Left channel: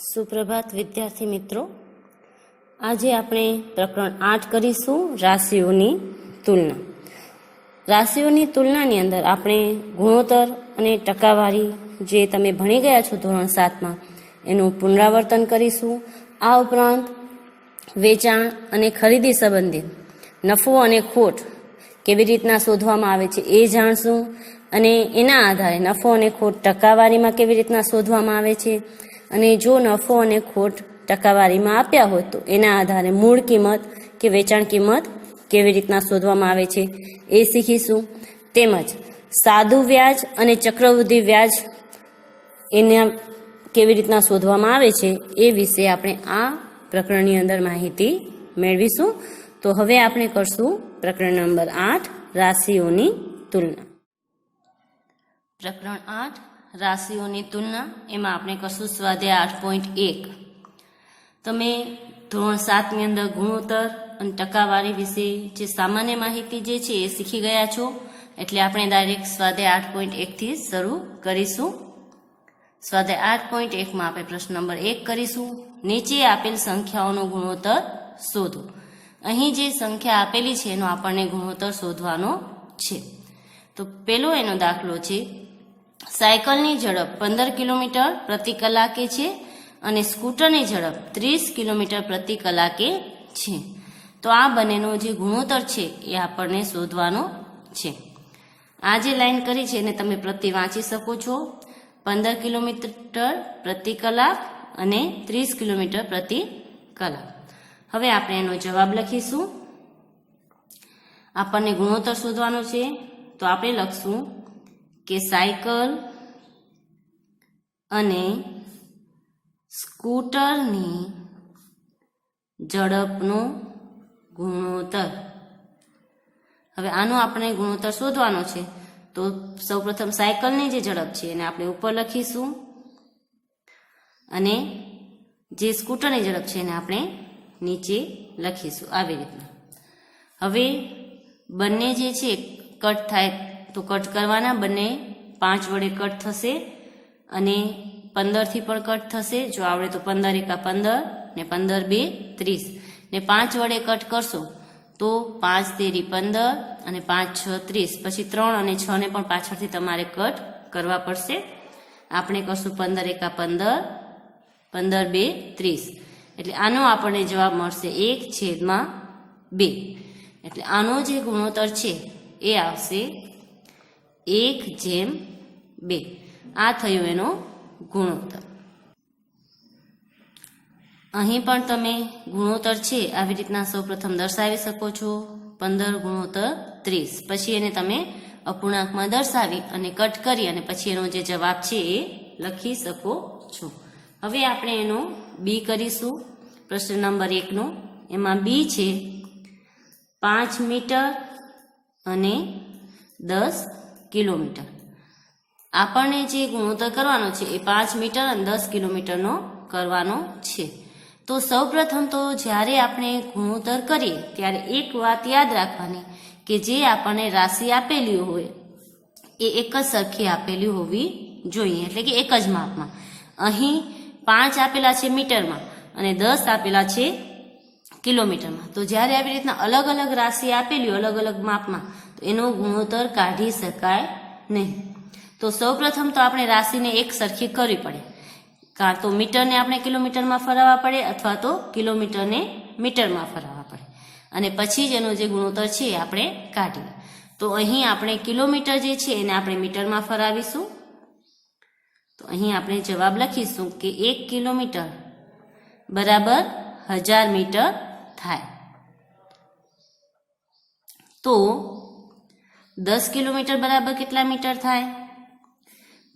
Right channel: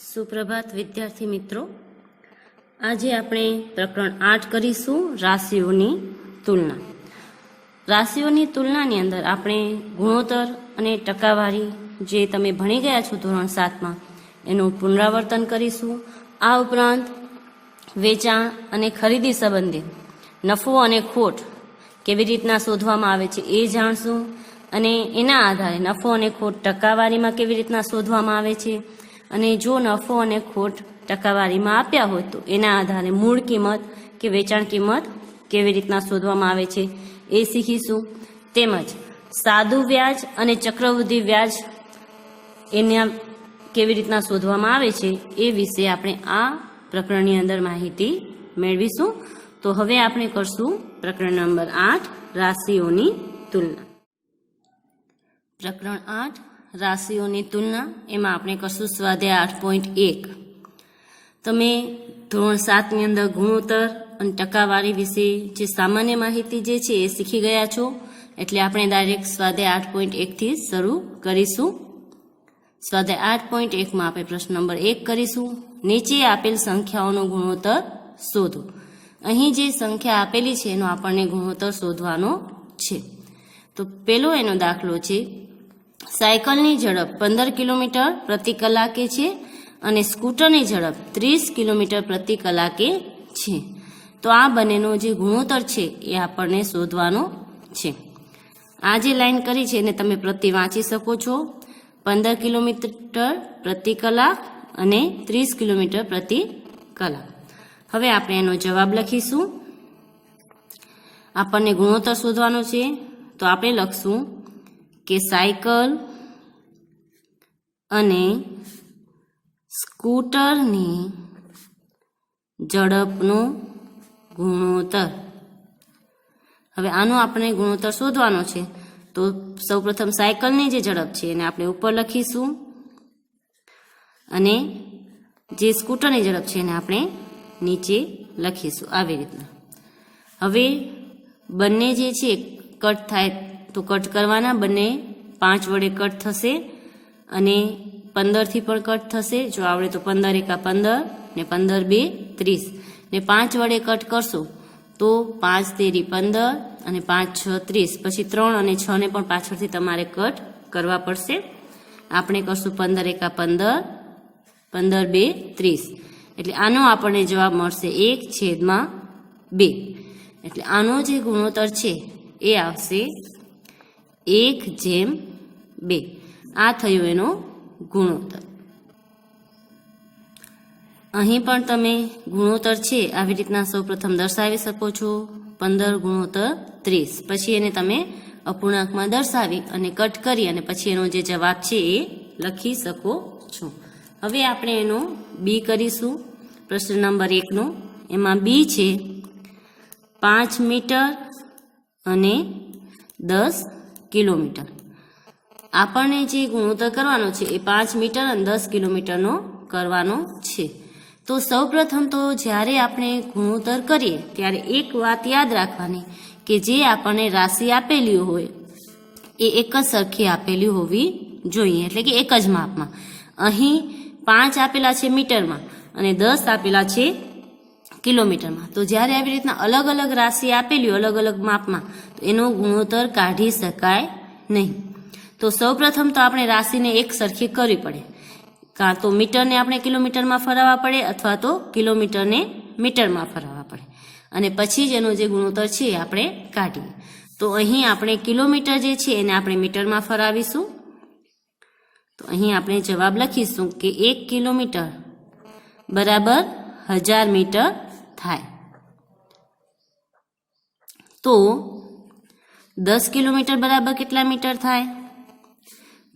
સુપ્રભાત વિદ્યાર્થી મિત્રો, આજે આપણે પ્રકરણ 8 કરીશું રાશિઓની તુલના. રાશિઓની તુલનાની અંદર આપણે ગુણોત્તર અને ટકાવારી જે તમે ભણી ગયા છો ધોરણ 7માં એનું પુનરાવર્તન કરીશું. આ ઉપરાંત વેચાણ અને ખરીદી સંબંધિત નફો અને ખોટ કેવી રીતના શોધવામાં આવે છે એ જાણશું, અને એના આધારે નફો અને ખોટ ટકાવારીમાં કેવી રીતના શોધવામાં આવે છે, અને જો નફો અને ખોટ ટકાવારીમાં આપ્યા હોય તો એના આધારે મૂળ કિંમત કે વેચાણ કિંમત કેવી રીતના શોધવામાં આવે છે એ શીખીશું. તેમજ સાદું વ્યાજ અને ચક્રવૃદ્ધિ વ્યાજ એના કેવી રીતના શોધવામાં આવે છે એ વિશે આપણે આ પ્રકરણની અંદર માહિતી મેળવીશું. તો હવે આપણે કરશું પ્રકરણ નંબર 8 રાશિઓની તુલના. પ્રકરણ 8 રાશિઓની તુલના, એમાં આપણે કરશું સ્વાધ્યાય 8.1. તમે ધોરણ 7ની અંદર ગુણોત્તર અને ટકાવારી વિશે જે સામાન્ય માહિતી જે છે એ શીખી ગયા છો, એટલે આપણે ડાયરેક્ટ સ્વાધ્યાય 8.1 થી શરૂ કરીશું. સ્વાધ્યાય 8.1માં આપણે પ્રશ્ન નંબર 1 કરીશું. નીચે આપેલ સંખ્યાઓનો ગુણોત્તર શોધો. અહીં જે સંખ્યા આપેલી છે એનો આપણને ગુણોત્તર શોધવાનો છે. તો પેલો એનો દાખલો છે, સાયકલની ઝડપ 15 કિલોમીટર પ્રતિ કલાકે છે અને સ્કૂટરની ઝડપ 30 કિલોમીટર પ્રતિ કલાકે છે. તો આ બંનેનો જે ગુણોત્તર છે એ આપણને શોધવાનો છે. આ જે લાઈન કરી છે એને તમે પ્રતિ વાંચી શકો છો. 15 કિલોમીટર પ્રતિ કલાક અને 30 કિલોમીટર પ્રતિ કલાક. હવે આપણે એનો જવાબ લખીશું. આપણને ગુણોત્તર શોધવાનો છે તો આપણે લખશું કે સાયકલ અને સ્કૂટરની ઝડપનો ગુણોત્તર. હવે આનો આપણે ગુણોત્તર શોધવાનો છે તો સૌપ્રથમ સાયકલની જે ઝડપ છે એને આપણે ઉપર લખીશું અને જે સ્કૂટરની ઝડપ છે એને આપણે નીચે લખીશું આવી રીતના. હવે બંને જે છે કટ થાય તો કટ કરવાના, બંને 5 વડે કટ થશે અને 15 થી પણ કટ થશે. જો આવડે તો 15 એકા 15 ને 15 બે 30 ને 5 વડે કટ કરશો તો 5 તેરી 15 અને 5 6 30. પછી 3 અને 6 ને પણ પાછળથી તમારે કટ કરવા પડશે. આપણે કરશું 15 એકા 15, 15 બે 30. એટલે આનો આપણને જવાબ મળશે 1/2. એટલે આનો જે ગુણોત્તર છે એ આવશે 1/2. આ થયું એનો ગુણોત્તર. અહીં પણ તમે ગુણોત્તર છે આવી રીતના સૌપ્રથમ દર્શાવી શકો છો, 15 ગુણોત્તર 30. પછી એને તમે અપૂર્ણાંકમાં દર્શાવી અને કટ કરી અને પછી એનો જે જવાબ છે એ લખી શકો છો. હવે આપણે એનો બી કરીશું. પ્રશ્ન નંબર 1નો એમાં બી છે 5 મીટર અને 10 કિલોમીટર. આપણને જે ગુણોત્તર કરવાનો છે એ 5 મીટર અને 10 કિલોમીટરનો કરવાનો છે. તો સૌપ્રથમ તો જ્યારે આપણે ગુણોત્તર કરીએ ત્યારે એક વાત યાદ રાખવાની કે જે આપણને રાશિ આપેલી હોય એ એક જ સરખી આપેલી હોવી જોઈએ, એટલે કે એક જ માપમાં. અહીં 5 આપેલા છે મીટરમાં અને 10 આપેલા છે કિલોમીટરમાં. તો જ્યારે આવી રીતના અલગ અલગ રાશિ આપેલી હોય અલગ અલગ માપમાં તો એનો ગુણોત્તર કાઢી શકાય નહીં. તો સૌપ્રથમ તો આપણે રાશિને એક સરખી કરવી પડે. કાં તો મીટરને આપણે કિલોમીટરમાં ફરાવવા પડે અથવા તો કિલોમીટરને મીટરમાં ફરાવવા પડે, અને પછી જ એનો જે ગુણોત્તર છે એ આપણે કાઢીએ. તો અહીં આપણે કિલોમીટર જે છે એને આપણે મીટરમાં ફરાવીશું. તો અહીં આપણે જવાબ લખીશું કે 1 કિલોમીટર બરાબર 1000 મીટર થાય. તો 10 કિલોમીટર બરાબર કેટલા મીટર થાય?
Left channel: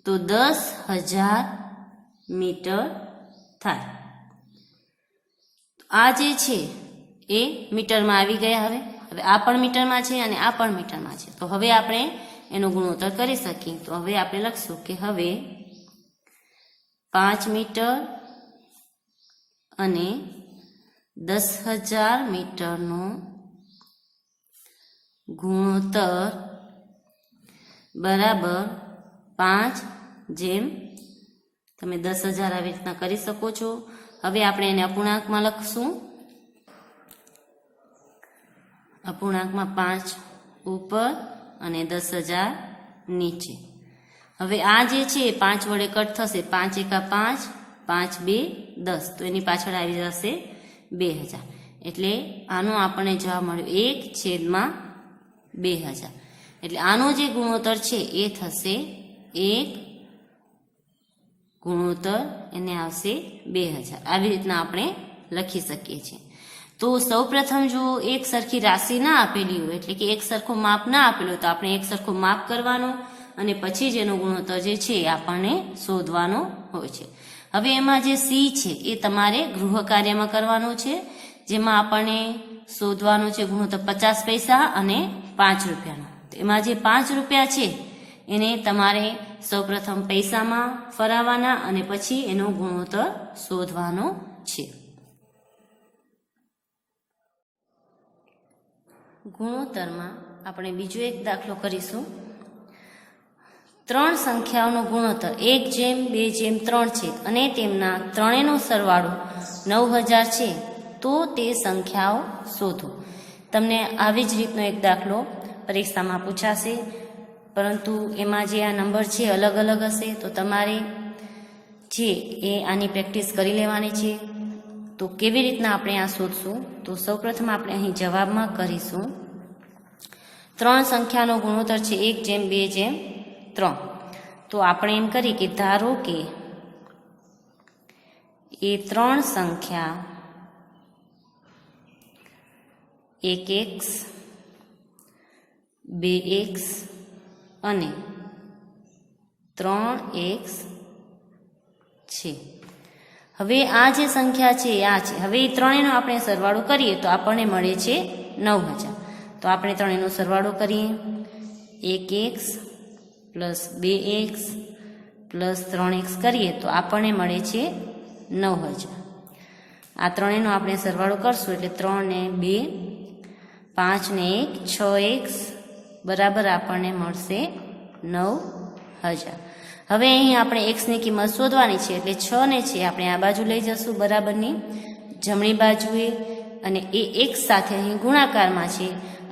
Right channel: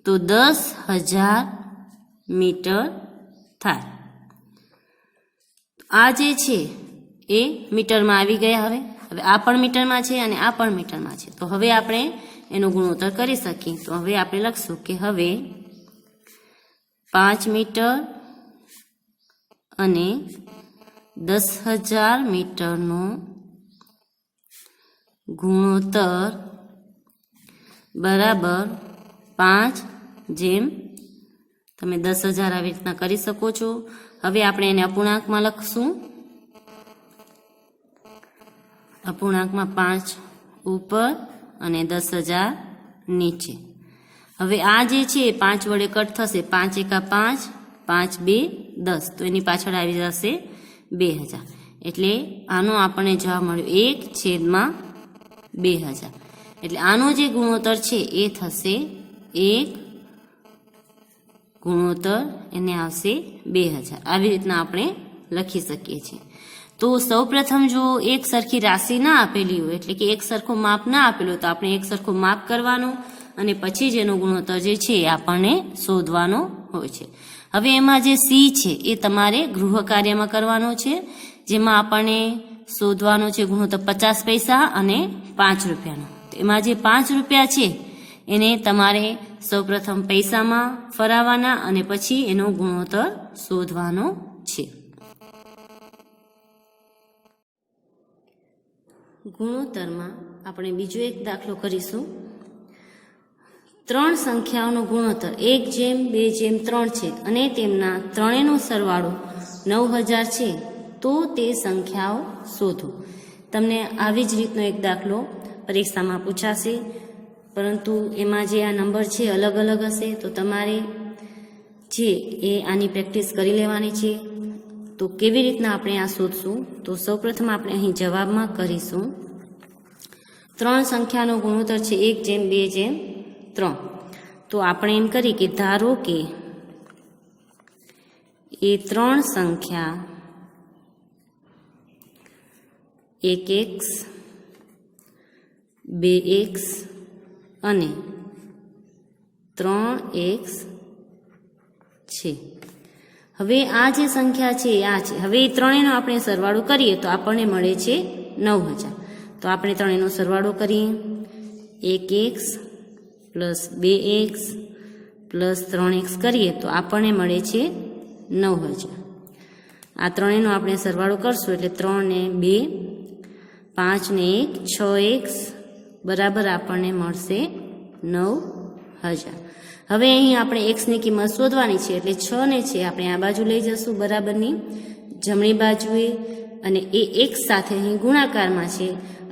તો 10,000 મીટર થાય. આ જે છે એ મીટરમાં આવી ગયા. હવે આ પણ મીટરમાં છે અને આ પણ મીટરમાં છે. તો હવે આપણે એનો ગુણોત્તર કરી શકીએ. તો હવે આપણે લખશું કે હવે 5 મીટર અને 10,000 મીટરનો ગુણોત્તર બરાબર 5 જેમ તમે 10,000 આવી રીતના કરી શકો છો. હવે આપણે એને અપૂર્ણાંકમાં લખશું. અપૂર્ણાંકમાં 5 ઉપર અને 10,000 નીચે. હવે આ જે છે એ 5 વડે કટ થશે. 5 એકા 5, 5 2 10, તો એની પાછળ આવી જશે 2000. એટલે આનો આપણને જવાબ મળ્યો 1/2000. એટલે આનો જે ગુણોત્તર છે એ થશે 1 ગુણોત્તર એને આવશે 2000. આવી રીતના આપણે લખી શકીએ છીએ. તો સૌપ્રથમ જો એક સરખી રાશિ ના આપેલી હોય, એટલે કે એક સરખું માપ ના આપેલું હોય, તો આપણે એક સરખું માપ કરવાનું અને પછી જ એનો ગુણોત્તર જે છે એ આપણને શોધવાનો હોય છે. હવે એમાં જે સી છે એ તમારે ગૃહ કાર્યમાં કરવાનો છે, જેમાં આપણને શોધવાનું છે ગુણોત્તર 50 પૈસા અને 5 રૂપિયાનો. એમાં જે 5 રૂપિયા છે એને તમારે સૌપ્રથમ પૈસામાં ફરાવવાના અને પછી એનો ગુણોત્તર શોધવાનો છે. ગુણોત્તરમાં આપણે બીજો એક દાખલો કરીશું. 3 સંખ્યાઓનો ગુણોત્તર 1/2/3 છે અને તેમના ત્રણેયનો સરવાળો 9000 છે, તો તે સંખ્યાઓ શોધો. તમને આવી જ રીતનો એક દાખલો પરીક્ષામાં પૂછાશે, પરંતુ એમાં જે આ નંબર છે અલગ અલગ હશે, તો તમારે જે એ આની પ્રેક્ટિસ કરી લેવાની છે. તો કેવી રીતના આપણે આ શોધશું? તો સૌપ્રથમ આપણે અહીં જવાબમાં કરીશું. 3 સંખ્યાનો ગુણોત્તર છે 1/2/3. તો આપણે એમ કરી કે ધારો કે એ 3 સંખ્યા 1x 2x અને 3x છે. હવે આ જે સંખ્યા છે આ છે. હવે એ ત્રણેયનો આપણે સરવાળો કરીએ તો આપણને મળે છે 9000. તો આપણે ત્રણેયનો સરવાળો કરીએ. 1x plus 2x plus 3x કરીએ તો આપણને મળે છે 9000. આ ત્રણેયનો આપણે સરવાળો કરશું એટલે 3 ને 2, 5 ને 1, 6x બરાબર આપણને મળશે 9000. હવે અહીં આપણે x ની કિંમત શોધવાની છે, એટલે 6 ને છે આપણે આ બાજુ લઈ જશું બરાબરની જમણી બાજુએ, અને એ x સાથે અહીં ગુણાકારમાં છે,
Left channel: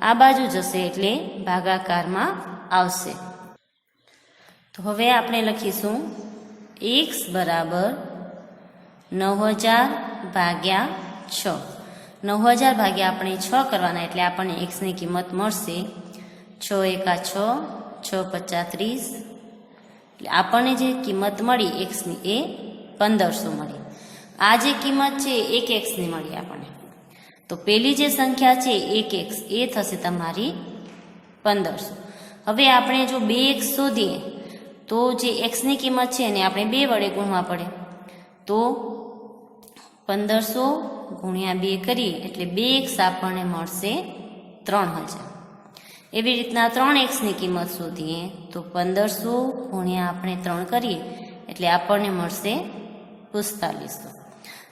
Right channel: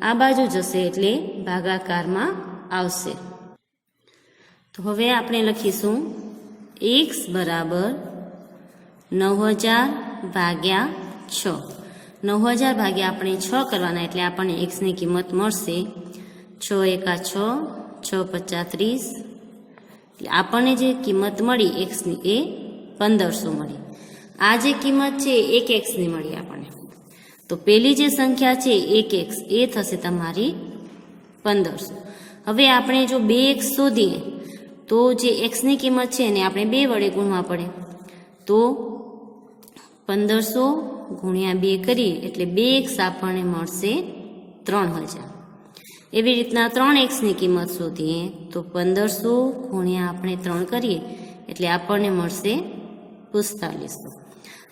આ બાજુ જશે એટલે ભાગાકારમાં આવશે. તો હવે આપણે લખીશું x બરાબર 9000 ભાગ્યા 6. 9000 ભાગ્યા આપણે 6 કરવાના, એટલે આપણને x ની કિંમત મળશે 6 એકા 6, 6 પચા 30. એટલે આપણને જે કિંમત મળી x ની એ 1500 મળી. આ જે કિંમત છે 1x ની મળી આપણને. તો પેલી જે સંખ્યા છે 1x એ થશે તમારી 1500. હવે આપણે જો 2x શોધીએ તો જે x ની કિંમત છે એને આપણે 2 વડે ગુણવા પડે. તો 1500 ગુણ્યા 2 કરીએ એટલે 2x આપણને મળશે 3000. એવી રીતના 3x ની કિંમત શોધીએ તો 1500 ગુણ્યા આપણે 3 કરીએ એટલે આપણને મળશે 4500.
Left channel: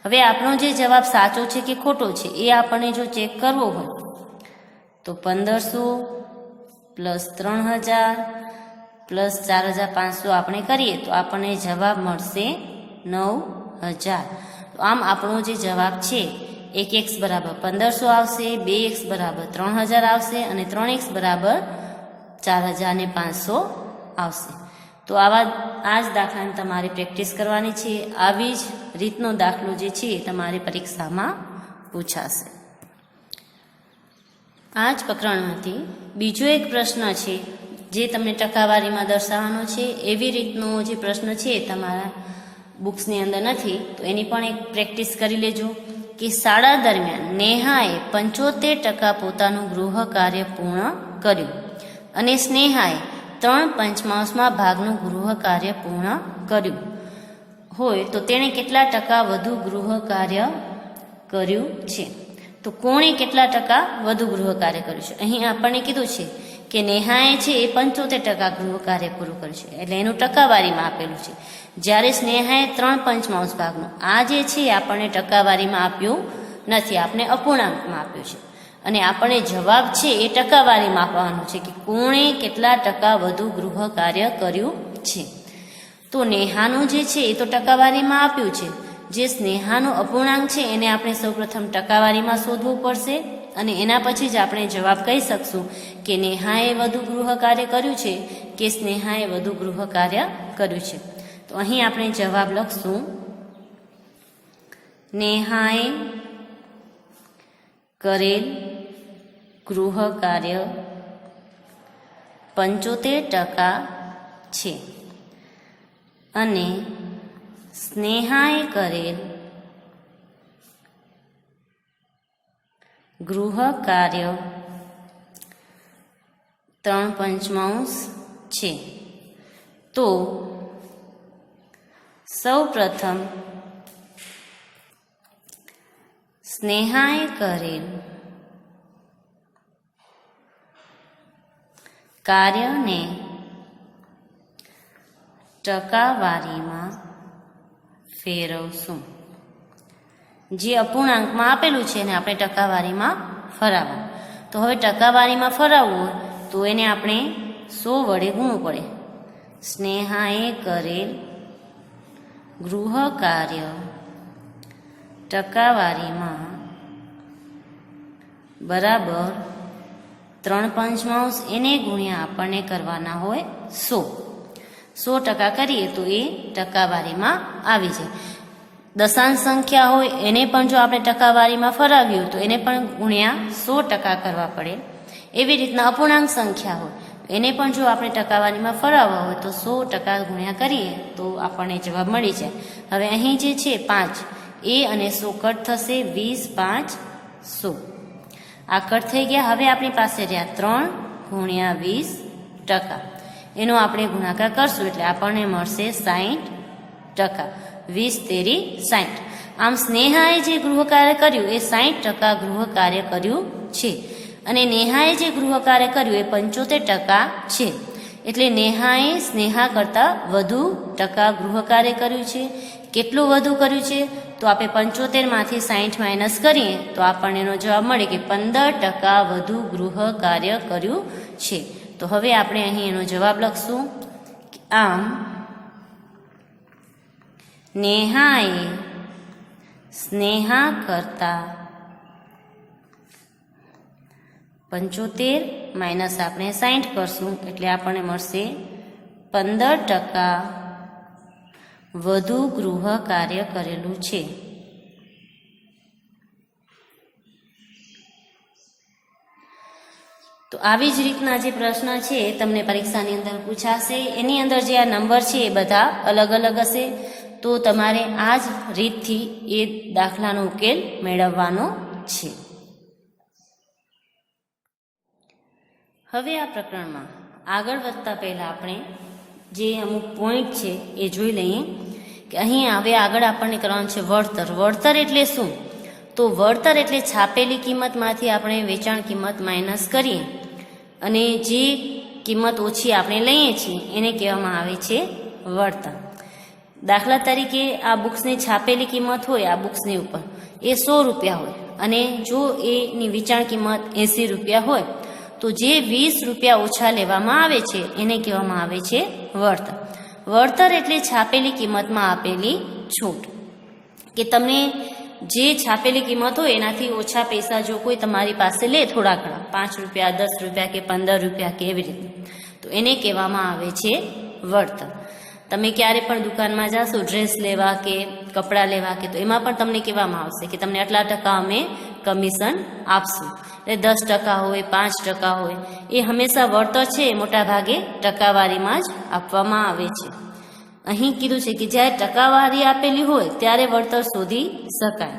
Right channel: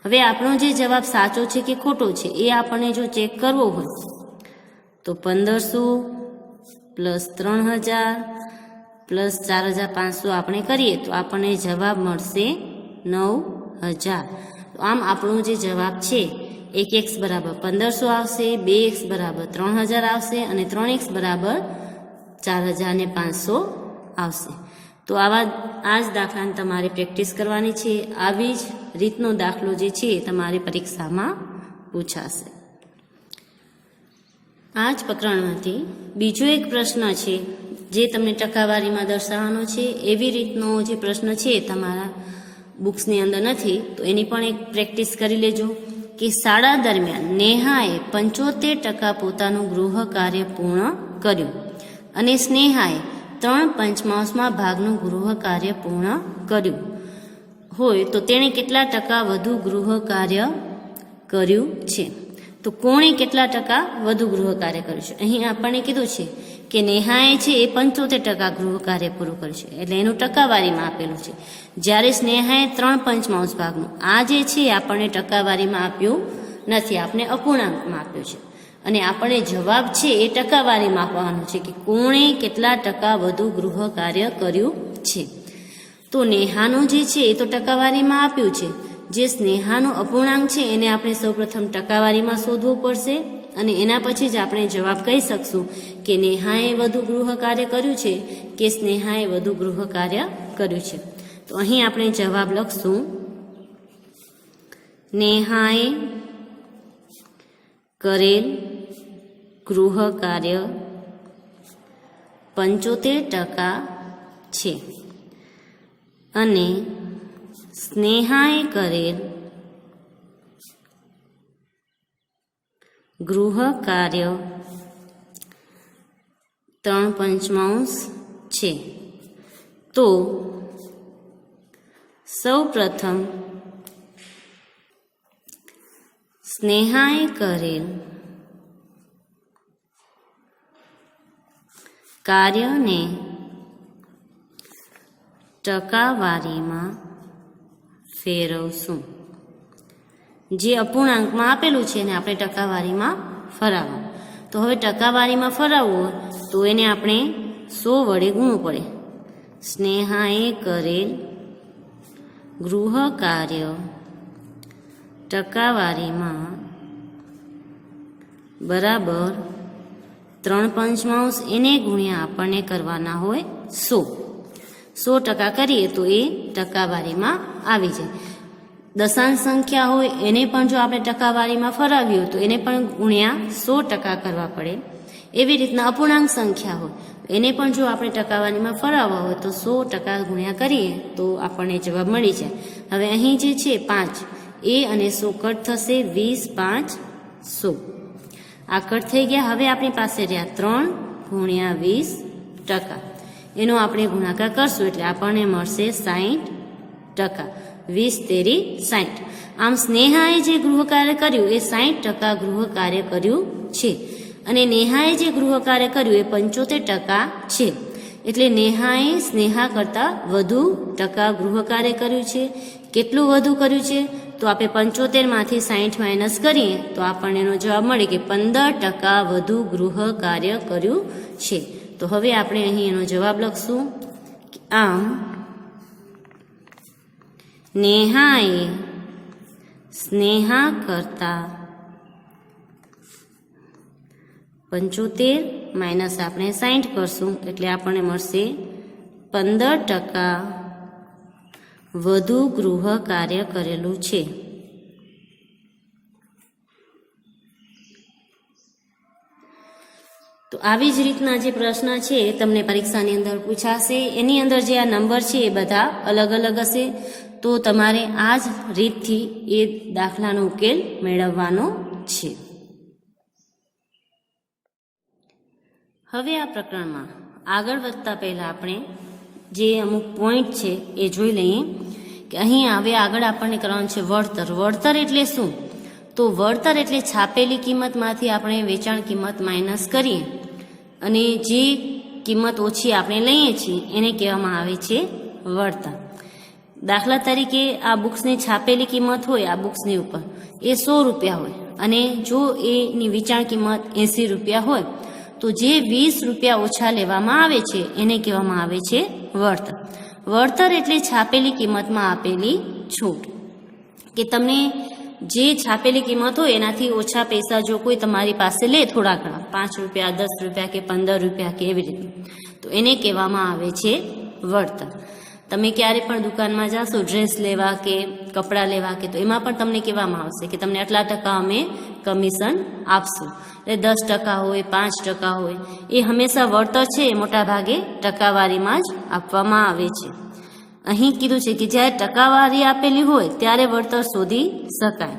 હવે આપણો જે જવાબ સાચો છે કે ખોટો છે એ આપણને જો ચેક કરવો હોય તો 1500 પ્લસ 3000 પ્લસ 4500 આપણે કરીએ તો આપણને જવાબ મળશે 9000. તો આમ આપણો જે જવાબ છે 1x બરાબર 1500 આવશે, 2x બરાબર 3000 આવશે અને 3x બરાબર 4500 આવશે. તો આ જ દાખલાની તમારે પ્રેક્ટિસ કરવાની છે. આવી જ રીતનો દાખલો જે છે તમારી પરીક્ષામાં પૂછાશે. આ જ પ્રકરણમાંથી બીજો એક પ્રશ્ન છે જે તમને ટકાવારીમાં દર્શાવવાનો છે. એવી રીતનો જે પ્રશ્ન છે તમારા બુક્સની અંદર નથી, તો એની પણ એક પ્રેક્ટિસ કરી લેજો કે શાળા દરમિયાન નેહાએ 75% પોતાનું ગૃહ કાર્ય પૂર્ણ કર્યું અને સ્નેહાએ 3/5 ભાગનું ગૃહ કાર્ય પૂર્ણ કર્યું હોય તો તેણે કેટલા ટકા વધુ ગૃહ કાર્ય કર્યું છે? તો કોણે કેટલા ટકા વધુ ગૃહ કાર્ય કર્યું છે? અહીં આપણને કીધું છે કે નેહાએ છે એ 75% ગૃહ કાર્ય પૂરું કર્યું છે, એટલે એનું ટકાવારીમાં આપેલું છે. જ્યારે સ્નેહાએ 3/5 ભાગનું, આ જે છે આપણને ટકાવારીમાં આપ્યું નથી, આપણે અપૂર્ણાંકમાં આપ્યું છે. અને આપણને જવાબ છે એ ટકાવારીમાં આપવાનો છે કે કોણે કેટલા ટકા વધુ ગૃહ કાર્ય કર્યું છે. તો નેહાનું જે છે એ તો ટકાવારીમાં આપ્યું છે. જે સ્નેહાનો અપૂર્ણાંક છે એને આપણે સૌપ્રથમ ટકાવારીમાં શોધવું પડશે અને એના પછી જ આપણે જવાબ કહી શકશું કે નેહાએ વધુ ગૃહ કાર્ય કર્યું છે કે સ્નેહાએ વધુ ગૃહ કાર્ય કર્યું છે. તો અહીં આપણે જવાબ લખશું નેહાએ કરેલ ગૃહ કાર્ય 75% છે અને સ્નેહાએ કરેલ ગૃહ કાર્ય 3/5 છે. તો સૌપ્રથમ સ્નેહાએ કરેલ કાર્યને ટકાવારીમાં ફેરવશું. જે અપૂર્ણાંકમાં આપેલું છે એને આપણે ટકાવારીમાં ફરાવવું. તો હવે ટકાવારીમાં ફરાવવું તો એને આપણે 100 વડે ગુણવું પડે. સ્નેહાએ કરેલ ગૃહ કાર્ય ટકાવારીમાં બરાબર 3/5 એને ગુણ્યા આપણને કરવાના હોય 100% કરીએ તો એ ટકાવારીમાં આવી જાય. દશાંશ સંખ્યા હોય એને પણ જો આપણે ટકાવારીમાં ફરાવ્યું તો એને પણ ગુણ્યા 100% કરવા પડે. એવી રીતના અપૂર્ણાંક સંખ્યા હોય એને પણ જો આપણે ટકાવારીમાં ફરાવવા હોય તો 100% ગુણ્યા કરીએ તો આપણને જવાબ મળી જાય. હવે અહીં જે છે 5 એ અને 100 કટ થશે. 20, 5, 100 આ કટ થઈ ગયા. હવે આપણી પાસે રહ્યા 3 ગુણ્યા 20%. એનો આપણે ગુણાકાર કરશું એટલે આપણને મળશે 60%. 20 તેરી 60. આમ સ્નેહાએ જે ગૃહ કાર્ય કર્યું એ 60% ગૃહ કાર્ય કર્યું છે અને નેહાએ જે ગૃહ કાર્ય કર્યું એ 75% છે. એટલે નેહાએ સ્નેહા કરતાં વધુ ટકા ગૃહ કાર્ય કર્યું છે. કેટલું વધુ કર્યું છે તો આપણે 75માંથી 60 માઇનસ કરીએ તો આપણને એનો જવાબ મળે કે 15% વધુ ગૃહ કાર્ય કર્યું છે. તો હવે આપણે અહીં એનો જવાબ લખશું. આમ નેહાએ સ્નેહા કરતાં 75 માઇનસ આપણે 60 કરશું એટલે આપણને મળશે 15% વધુ ગૃહ કાર્ય કરેલું છે. તો આવી જ રીતના જે પ્રશ્ન છે એ તમને પરીક્ષાની અંદર પૂછાશે. એની અંદર જે આ નંબર છે એ બધા અલગ અલગ હશે. તો તમારે આ જ રીતથી એ દાખલાનો ઉકેલ મેળવવાનો છે. હવે આ પ્રકરણમાં આગળ વધતા પહેલા આપણે જે અમુક પોઈન્ટ છે એ જોઈ લઈએ કે અહીં હવે આગળ આપણને કરવાનું છે વળતર. વળતર એટલે શું? તો વળતર એટલે છાપેલી કિંમતમાંથી આપણે વેચાણ કિંમત માઇનસ કરીએ અને જે કિંમત ઓછી આપણે લઈએ છીએ એને કહેવામાં આવે છે વળતર. દાખલા તરીકે આ બુક્સની છાપેલી કિંમત હોય આ બુક્સની ઉપર એ 100 રૂપિયા હોય અને જો એની વેચાણ કિંમત 80 રૂપિયા હોય તો જે 20 રૂપિયા ઓછા લેવામાં આવે છે એને કહેવામાં આવે છે વળતર. વળતર એટલે છાપેલી કિંમતમાં આપેલી છૂટ. કે તમે જે છાપેલી કિંમત હોય એનાથી ઓછા પૈસા જો કોઈ તમારી પાસે લે થોડા ઘણા 5 રૂપિયા 10 રૂપિયા કે 15 રૂપિયા કે એવી રીતે તો એને કહેવામાં આવે છે વળતર. તમે ક્યારે પણ દુકાનમાં જાશો ડ્રેસ લેવા કે કપડાં લેવા કે તો એમાં પણ તમને કહેવામાં આવશે કે તમને આટલા ટકા અમે કમિશન આપશું. એટલે 10% હોય 5% હોય એ હંમેશા વળતર છે એ મોટા ભાગે ટકાવારીમાં જ આપવામાં આવે છે. અહીં કીધું છે કે જ્યારે ટકાવારી આપેલી હોય ત્યારે વળતર શોધી શકાય.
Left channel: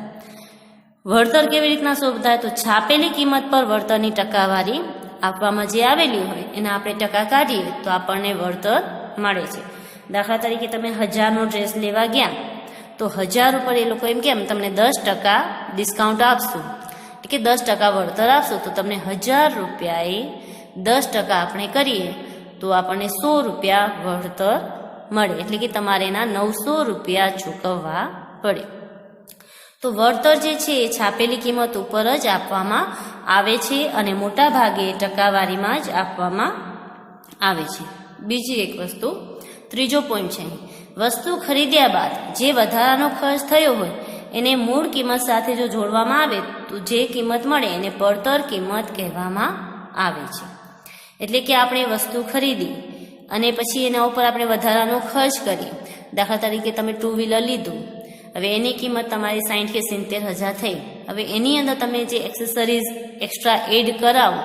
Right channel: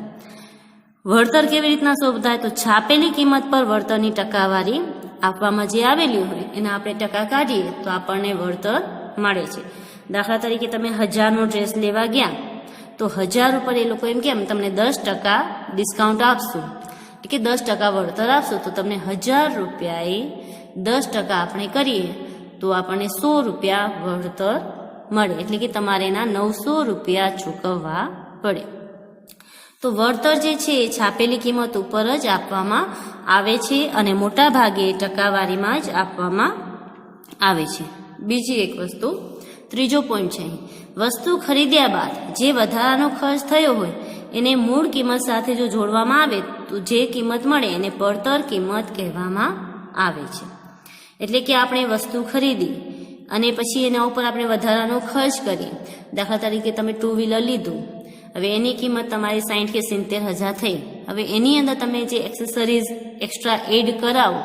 વળતર કેવી રીતના શોધાય? તો છાપેલી કિંમત પર વળતરની ટકાવારી આપવામાં જે આવેલી હોય એના આપણે ટકા કાઢીએ તો આપણને વળતર મળે છે. દાખલા તરીકે તમે 1000નો ડ્રેસ લેવા ગયા તો 1000 ઉપર એ લોકો એમ કેમ તમને 10% ડિસ્કાઉન્ટ આપશું કે 10% વળતર આપશો તો તમને 1000 રૂપિયાએ 10% આપણે કરીએ તો આપણને 100 રૂપિયા વળતર મળે. એટલે કે તમારે એના 900 રૂપિયા ચૂકવવા પડે. તો વળતર જે છે એ છાપેલી કિંમત ઉપર જ આપવામાં આવે છે અને મોટા ભાગે ટકાવારીમાં જ આપવામાં આવે છે. બીજી એક વસ્તુ ત્રીજો પોઈન્ટ છે વસ્તુ ખરીદ્યા બાદ જે વધારાનો ખર્ચ થયો હોય એને મૂળ કિંમત સાથે જો જોડવામાં આવે તો જે કિંમત મળે એને પડતર કિંમત કહેવામાં આવે છે. એટલે કે આપણે વસ્તુ ખરીદી અને પછી એના ઉપર આપણે વધારાનો ખર્ચ કરીએ. દાખલા તરીકે તમે 2 વ્હીલર લીધું, હવે એની કિંમત તમારી 60 કે 70,000 થઈ. હવે એની અંદર તમે જે એક્સેસરીઝ એક્સ્ટ્રા એડ કરાવો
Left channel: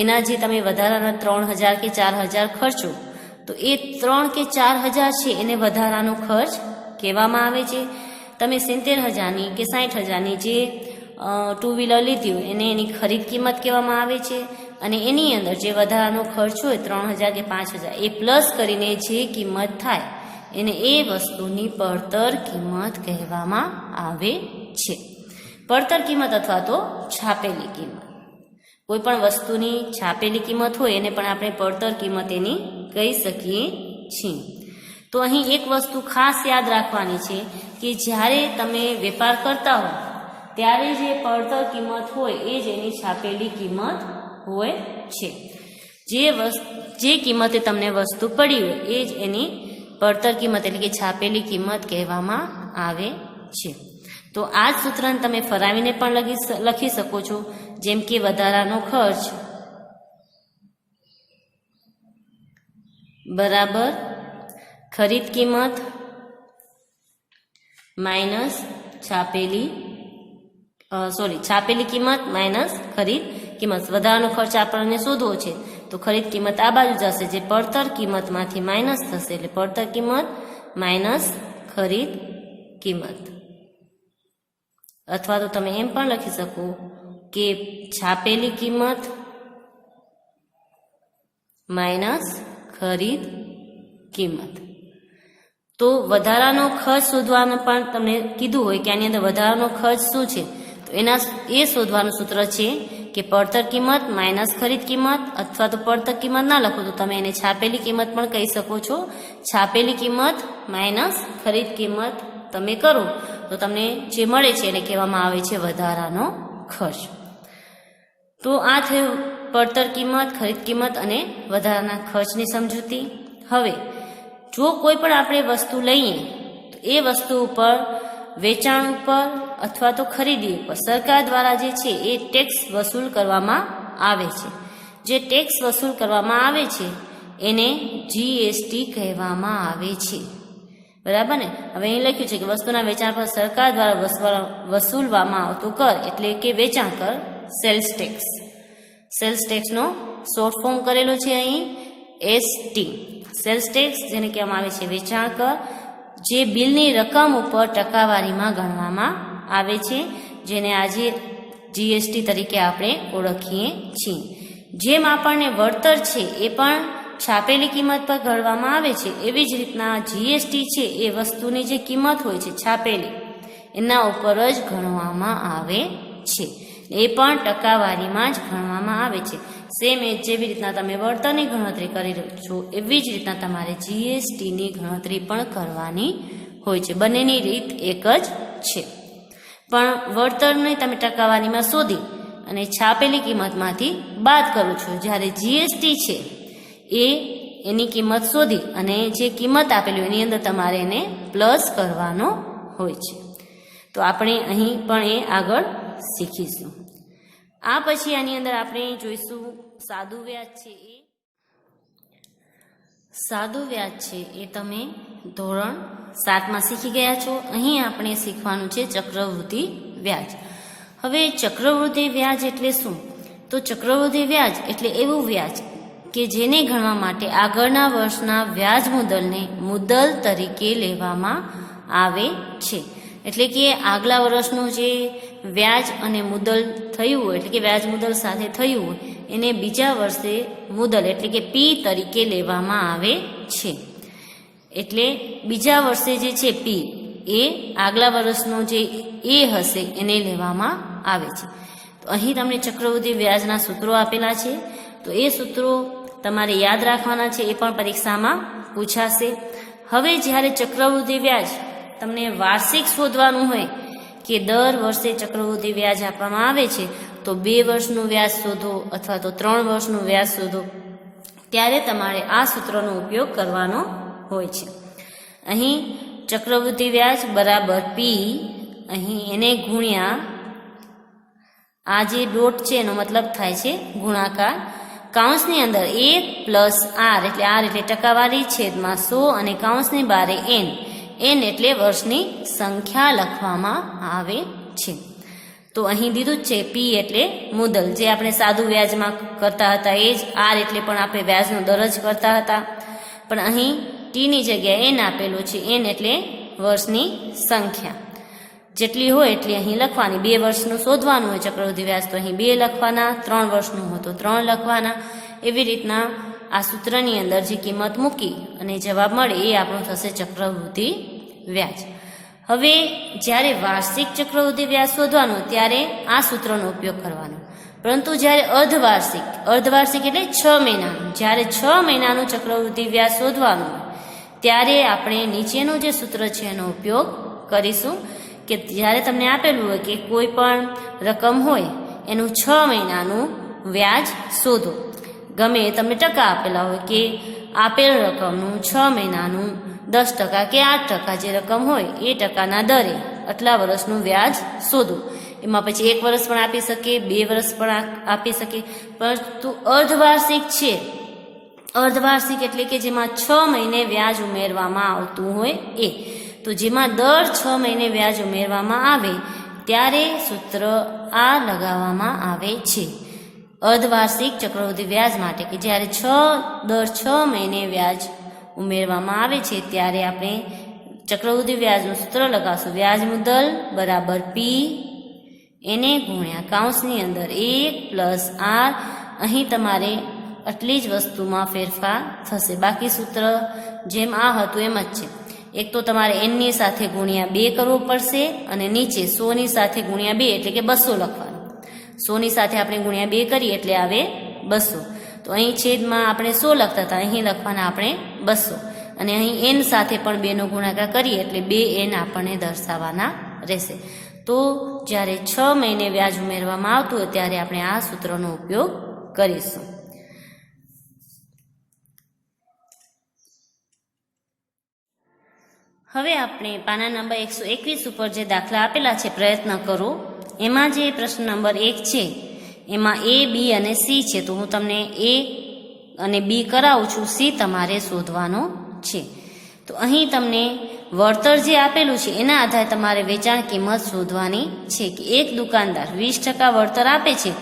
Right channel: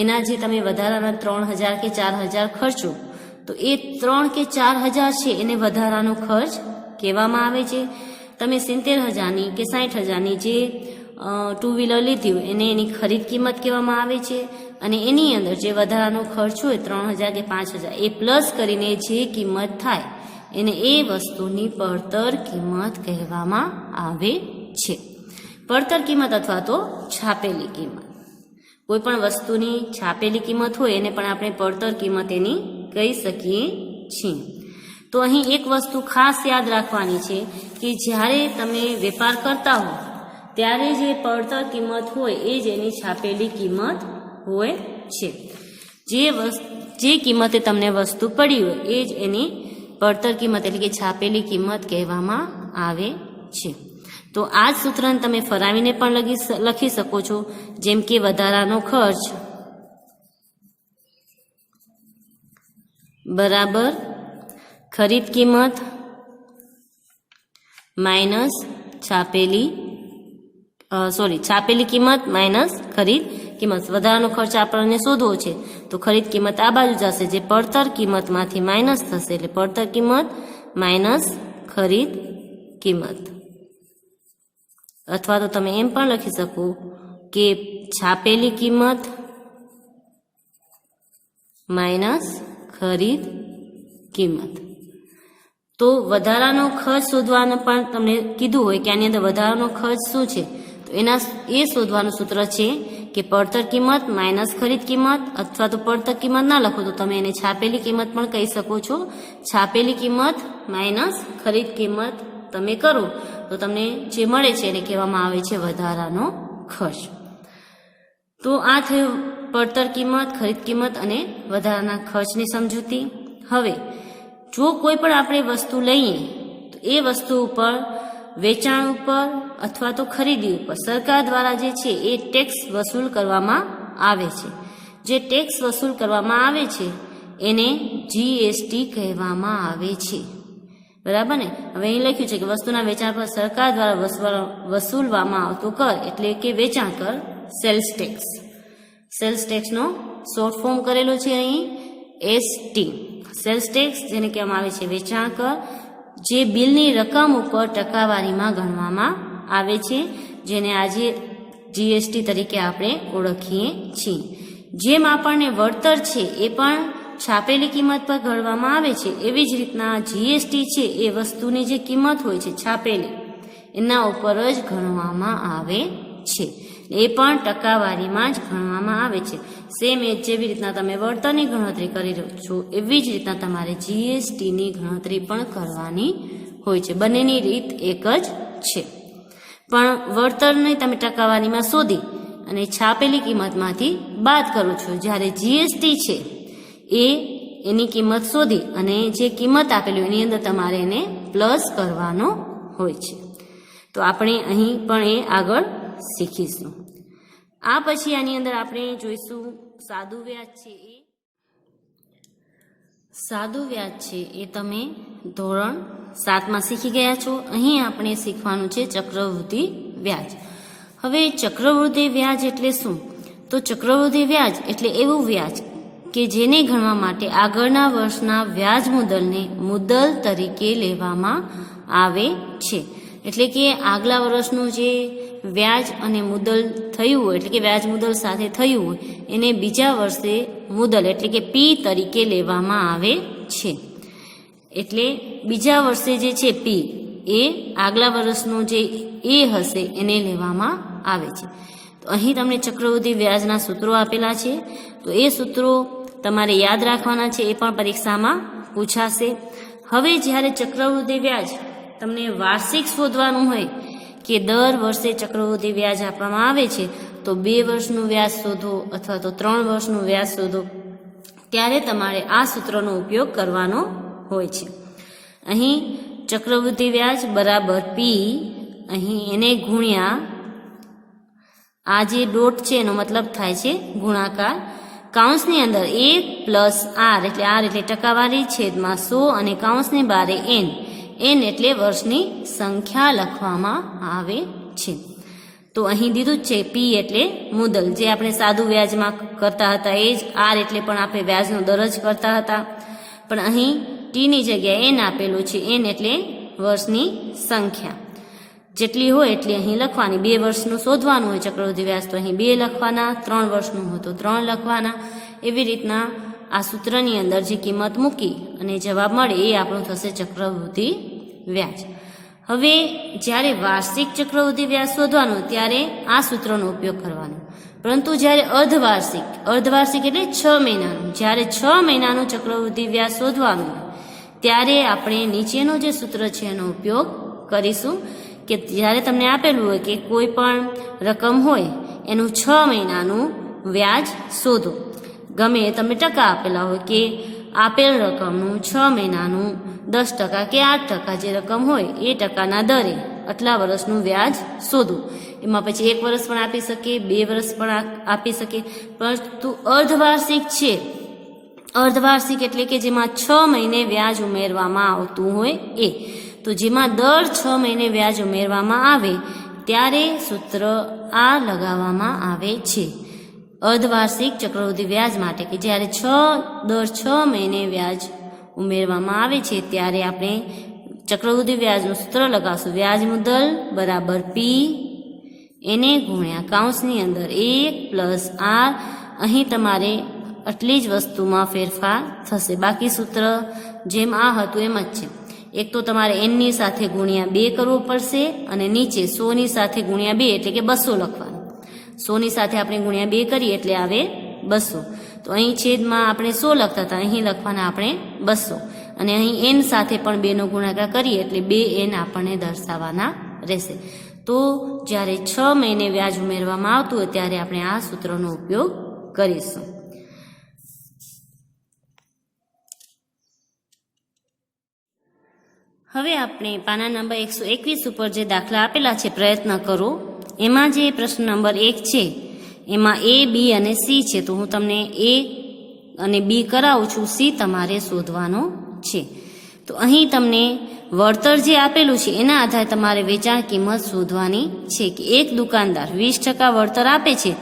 એના જે તમે વધારાના 3,000 કે 4,000 ખર્ચો, તો એ 3 કે 4,000 છે એને વધારાનો ખર્ચ કહેવામાં આવે છે. તમે 70,000ની કે 60,000ની જે 2 વ્હીલર લીધી એને એની ખરીદ કિંમત કહેવામાં આવે છે. અને એની અંદર જે વધારાનો ખર્ચ હોય 3,000 કે 5,000 એ પ્લસ કરીને જે કિંમત થાય એને એ વસ્તુની પડતર કિંમત કહેવામાં આવે છે. પડતર કિંમત અથવા તો છાપેલી કિંમત. કોઈ પણ વસ્તુની છાપેલી કિંમત હોય એને પણ આપણે પડતર કિંમત એની કહી શકીએ છીએ. તો અહીં એક વસ્તુ ખાસ યાદ રાખવાની છે કે જ્યારે તમે વેપાર કરતા હો ત્યારે જે પડતર કિંમત હોય એ જ એની છાપેલી કિંમત હોય છે. જે કિંમતે તમને વસ્તુ પડી હોય એ જ એની પડતર કિંમત એટલે કે છાપેલી કિંમત કહેવામાં આવે છે. તો આ જ સૂત્રને તમે ફરાવીને પણ લખી શકો છો, જેમ કે વધારાનો ખર્ચ બરાબર ખરીદ કિંમત માઇનસ છાપેલી કિંમત માઇનસ ખરીદ કિંમત. વધારાનો ખર્ચ આપણને શોધવો છે તો ખરીદ કિંમત આ બાજુ જશે, જે પડતર કિંમતમાંથી માઇનસ થશે એટલે પડતર કિંમત માઇનસ ખરીદ કિંમત. અથવા તો તમે એમ પણ લખી શકો કે છાપેલી કિંમત માઇનસ ખરીદ કિંમત. તો વધારાનો ખર્ચ શોધવાનું પણ તમને કીધું હોય કે આની અંદર વધારાનો ખર્ચ શું છે, તો એ શોધવાનું સૂત્ર છે કે પડતર કિંમત માઇનસ ખરીદ કિંમત. અથવા તો પડતર કિંમત ના લખો તો તમે એને છાપેલી કિંમત પણ કહી શકો છો. છાપેલી કિંમત માઇનસ ખરીદ કિંમત તમે કરો તો તમને જે મળે છે એને કહેવામાં આવે છે વધારાનો ખર્ચ. તો આ થયું પડતર કિંમત, ખરીદ કિંમત અને વધારાના ખર્ચની સમજૂતી. હવે જો કોઈ પણ આપણે વસ્તુ લઈએ તો એ વસ્તુ ઉપર વેચાણ ઉપર અથવા તો ખરીદી ઉપર સરકાર દ્વારા જે છે એ ટેક્સ વસૂલ કરવામાં આવે છે. જે ટેક્સ વસૂલ કરવામાં આવે છે એને જીએસટી કહેવામાં આવે છે. બરાબર ને? હવે અહીં લખ્યું છે કે વસ્તુના વેચાણ પર સરકાર દ્વારા વસૂલવામાં આવતો કર એટલે કે વેચાણ કર, સેલ્સ ટેક્સ. સેલ્સ ટેક્સનો શોર્ટ ફોર્મ કરેલો છે અહીં એસટી. સેલ્સ ટેક્સ જેને કહેવામાં આવે છે વેચાણ કર, જે બિલની રકમ ઉપર ટકાવારીમાં ગણવામાં આવે છે, જેને આજે જીએસટી તરીકે આપણે ઓળખીએ છીએ. જેમ આપણને વળતર છે એ પણ છાપેલી કિંમત પર ગણવામાં આવે છે, એવી જ રીતના જીએસટી છે એ વસ્તુની જે કિંમત હોય છે છાપેલી એના ઉપર જ ગણવામાં આવે છે. એ પણ ટકાવારીમાં જ ગણવામાં આવે છે. સેમ એ જેવી રીતના તમે વળતરની ગણતરી કરી રહ્યો છો એવી જ રીતના તમારે જીએસટીની ગણતરી પણ કરવાની હોય છે. બંનેની રીત એક જ છે. પણ વળતરની તમે ટકાવારીમાં શોધી અને છાપેલી કિંમતમાંથી બાદ કરો છો, જ્યારે જીએસટી છે એની કિંમત શોધી અને જે કિંમત આપેલી એની અંદર તમારે એને પ્લસ કરવાનો હોય છે. તો આપણે અહીં પણ એ આગળ શીખીશું. આ પછી આની અંદર આપણે જોઈશું સાદું વ્યાજ છે. સાદું વ્યાજ છે એ તમે ધોરણ 7માં શીખી ગયા છો. અહીં આપણે શીખવાનું છે ચક્રવૃદ્ધિ વ્યાજ. હવે ચક્રવૃદ્ધિ વ્યાજ એટલે શું? તો ચક્રવૃદ્ધિ વ્યાજ એટલે એવું વ્યાજ કે જેને ગણવા માટે આગળના વર્ષના વ્યાજ મુદ્દલને મુદ્દલ તરીકે લેવામાં આવે છે. એટલે કે આગલા વર્ષનું જે વ્યાજ અને મુદ્દલ થયું હોય એટલે કે વ્યાજ મુદ્દલ સાથે થયું હોય એને બીજા વર્ષે મુદ્દલ એટલે કે પી તરીકે લેવામાં આવે છે. એટલે બીજા વર્ષે જે છે પી એ આગલા વર્ષનો જે એ હશે એને લેવામાં આવે છે. તો અહીં તમને ચક્રવૃદ્ધિ વ્યાજના સૂત્રો આપેલા છે, તો એ સૂત્રો તમારે યાદ રાખવાના છે, એ પણ પરીક્ષામાં પૂછાશે. હવે જ્યારે ચક્રવૃદ્ધિ વ્યાજ તમને વાર્ષિક શોધવાનું હોય કે દર વર્ષે ચક્રવૃદ્ધિ વ્યાજ આપવામાં આવે છે તો 2 વર્ષનું વ્યાજ શોધો અથવા તો 3 વર્ષનું વ્યાજ શોધો, ત્યારે તમારે આ સૂત્રનો ઉપયોગ કરવાનો હોય છે. અહીં ચક્રવૃદ્ધિ વ્યાજ બરાબર પી, અહીં એને ગુણ્યા આ જે ડોટ છે એનો મતલબ થાય છે ગુણાકાર, કાઉન્સની અંદર 1 પ્લસ આર એટલે ટકાવારી છેદમાં 100 અને કાઉન્સની બારે એન એટલે વર્ષની સંખ્યા લખવામાં આવે છે. તો અહીં દીધું જ છે પી એટલે મુદ્દલ, જે આપણે સાદું વ્યાજમાં કરતા હતા એ જ. આર એટલે પણ આપણે વ્યાજનો દર જ કરતા હતા, પણ અહીં ટીની જગ્યાએ એન આપેલું છે. એન એટલે વર્ષની સંખ્યા જેટલી હોય એટલી અહીં લખવાની. 2 વર્ષનું શોધવાનું હોય ચક્રવૃદ્ધિ વ્યાજ તો અહીં 2 લખવાના, 3 વર્ષનું હોય તો 3 લખવાના. એવી રીતના આ સૂત્રની અંદર જે કિંમત મૂકી અને જવાબ મળે એ આપણું થશે ચક્રવૃદ્ધિ વ્યાજ. હવે જ્યારે વાર્ષિક ચક્રવૃદ્ધિ વ્યાજ શોધવાનું ત્યારે આ સૂત્રનો ઉપયોગ કરવાનો, પરંતુ જ્યારે અર્ધવાર્ષિક એટલે 6 મહિનાનું, જ્યારે 6 મહિનાનું ચક્રવૃદ્ધિ વ્યાજ શોધવાનું હોય ત્યારે આપણે નીચેનું જે સૂત્ર છે એનો ઉપયોગ કરીશું કે જ્યારે તમને આપેલું હોય કે કોઈ પણ રકમ હોય એનું 6 મહિનાનું વ્યાજ શોધો. ગમે એ તમને ટકા આપેલા હોય કે આપેલ રકમનું 6 મહિનાનું 10% કે 8% જે રકમ હોય એ ટકાના દરે આટલા વર્ષનું વ્યાજ શોધો. એમાં પછી 1 વર્ષ પણ આપી શકે, 2 વર્ષ પણ આપી શકે, પરંતુ અર્ધવાર્ષિક છે. અર્ધવાર્ષિક એટલે કે જેમાં 6 મહિને વ્યાજ ઉમેરવામાં આવતું હોય એ. તો જેમાં દર 6 મહિને વ્યાજ ઉમેરવામાં આવે ત્યારે સૂત્ર આ લગાવવામાં આવે છે અર્ધવાર્ષિક ચક્રવૃદ્ધિ વ્યાજ માટે, કે જ્યારે દર 6 મહિને વ્યાજ ઉમેરવામાં આવે છે ત્યારે આપણે ચક્રવૃદ્ધિ વ્યાજનું સૂત્ર લગાવશું. વ્યાજ મુદ્દલ બરાબર પી એને ગુણ્યા કાઉન્સની અંદર 1 પ્લસ આર. અહીં તમારે આટલી જ વસ્તુમાં ફેરફાર થશે, બાકી સૂત્ર જેમ આ હતું એમ જ છે. એક તો તમારે એનની સાથે ગુણ્યા 2 કરવો પડશે અને નીચે 100ની સાથે ગુણ્યા 2 એટલે કે 200 લખવાનું. 100ની સાથે આપણે ગુણ્યા 2 કરીએ એટલે આવે 200. તો અહીં છેદમાં આપણે 100 લખતા હતા, અહીં લખવાના આપણે 200 અને અહીં એન સાથે પણ 2નો ગુણાકાર કરીએ એટલે 2 એન આપણને દર્શાવવાના રહેશે. તો જ્યારે 6 મહિને વ્યાજ ઉમેરવામાં આવતું હોય ત્યારે આપણે આ સૂત્રનો ઉપયોગ કરીશું. હવે આપણે પાના નંબર 121 ઉપર જે દાખલા આપેલા છે પ્રયત્ન કરો, એમાં જે પ્રશ્ન નંબર 1 છે એમાં એ, બી અને સી છે. તો હું તમને એ અને બી કરાવું છું, સી તમારે શોધવાનો છે. તો અહીં તમને વળતર જે આપેલું છે એના આધારે તમારે વેચાણ કિંમત શોધવાની છે કે એક દુકાનદાર 20% વળતર આપે છે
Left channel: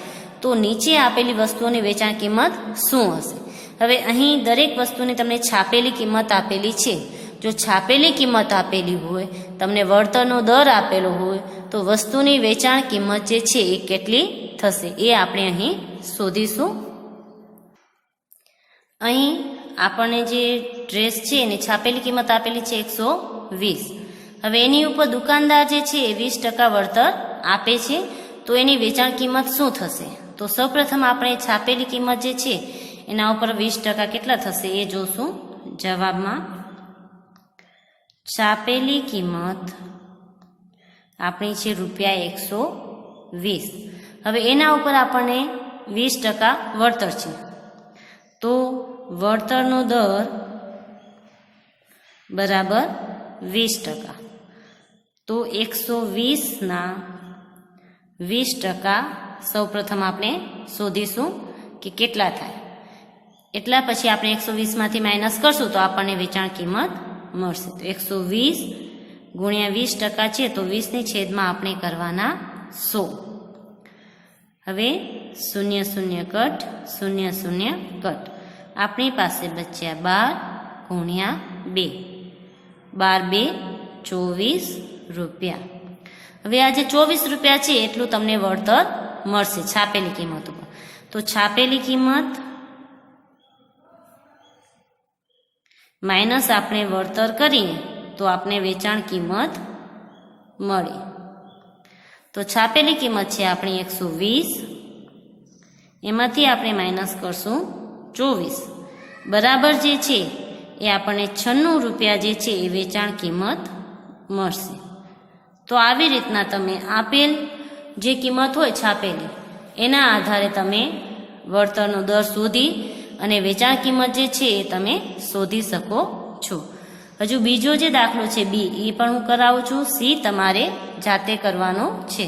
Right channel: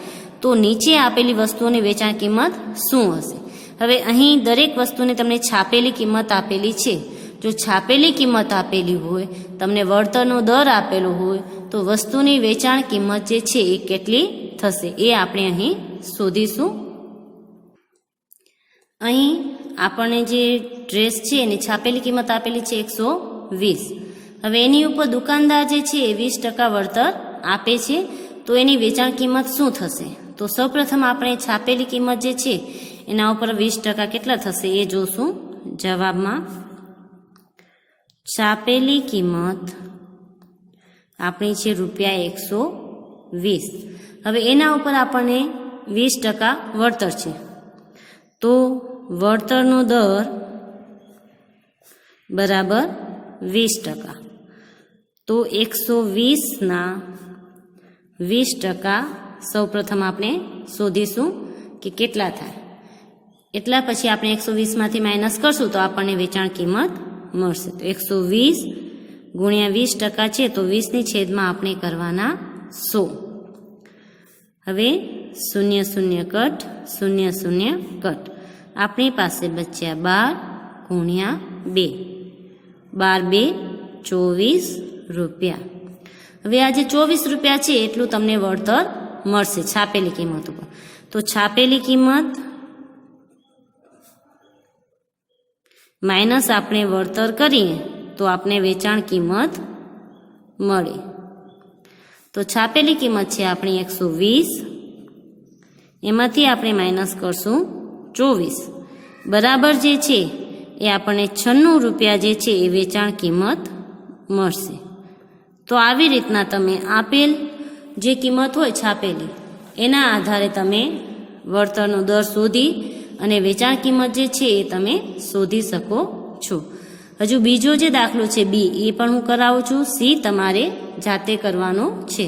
તો નીચે આપેલી વસ્તુઓની વેચાણ કિંમત શું હશે. હવે અહીં દરેક વસ્તુની તમને છાપેલી કિંમત આપેલી છે. જો છાપેલી કિંમત આપેલી હોય, તમને વળતરનો દર આપેલો હોય, તો વસ્તુની વેચાણ કિંમત જે છે એ કેટલી થશે એ આપણે અહીં શોધીશું. અહીં આપણને જે ડ્રેસ છે એની છાપેલી કિંમત આપેલી છે 120. હવે એની ઉપર દુકાનદાર જે છે એ 20% વળતર આપે છે તો એની વેચાણ કિંમત શું થશે. તો સૌપ્રથમ આપણે છાપેલી કિંમત જે છે એના ઉપર 20% કેટલા થશે એ જોશું જવાબમાં. છાપેલી કિંમત આપણી છે ₹120. હવે એના ઉપર આપણને 20% વળતર છે તો વળતરનો દર બરાબર 20%. તો 120ના 20% સૌપ્રથમ આપણે શોધીશું કે કેટલા થાય. એટલા પછી આપણે 120માંથી માઇનસ કરશું તો આપણને વેચાણ કિંમત મળશે. તો 120 ગુણ્યા 20% છે તો 20ની છેદમાં આપણે કરવાના 100. હવે 0 0 કટ 0 0 કટ, આપણી પાસે બચ્યા 12 ગુણ્યા 2, 12 2 24 રૂપિયા. હવે આ જે 24 રૂપિયા છે એટલું તમને વળતર મળશે છાપેલી કિંમત ઉપર. તો છાપેલી કિંમત માઇનસ આપણે વળતર કરીએ તો આપણે વેચાણ કિંમત મળે. તો છાપેલી કિંમત છે આપણી 120, એમાંથી આપણે માઇનસ કરશું 24 બરાબર જે છે એ આપણને 96 રૂપિયા જે છે એ વેચાણ કિંમત મળશે. તો આવી રીતના તમે આપેલ જે કિંમત હોય છાપેલી એના આધારે તમે વળતરનો દર શોધી અને વેચાણ કિંમત જે છે એ તમે શોધી શકો છો. હજુ બીજો જે દાખલો છે બી એ પણ હું કરાવું છું, સી તમારે જાતે કરવાનો છે.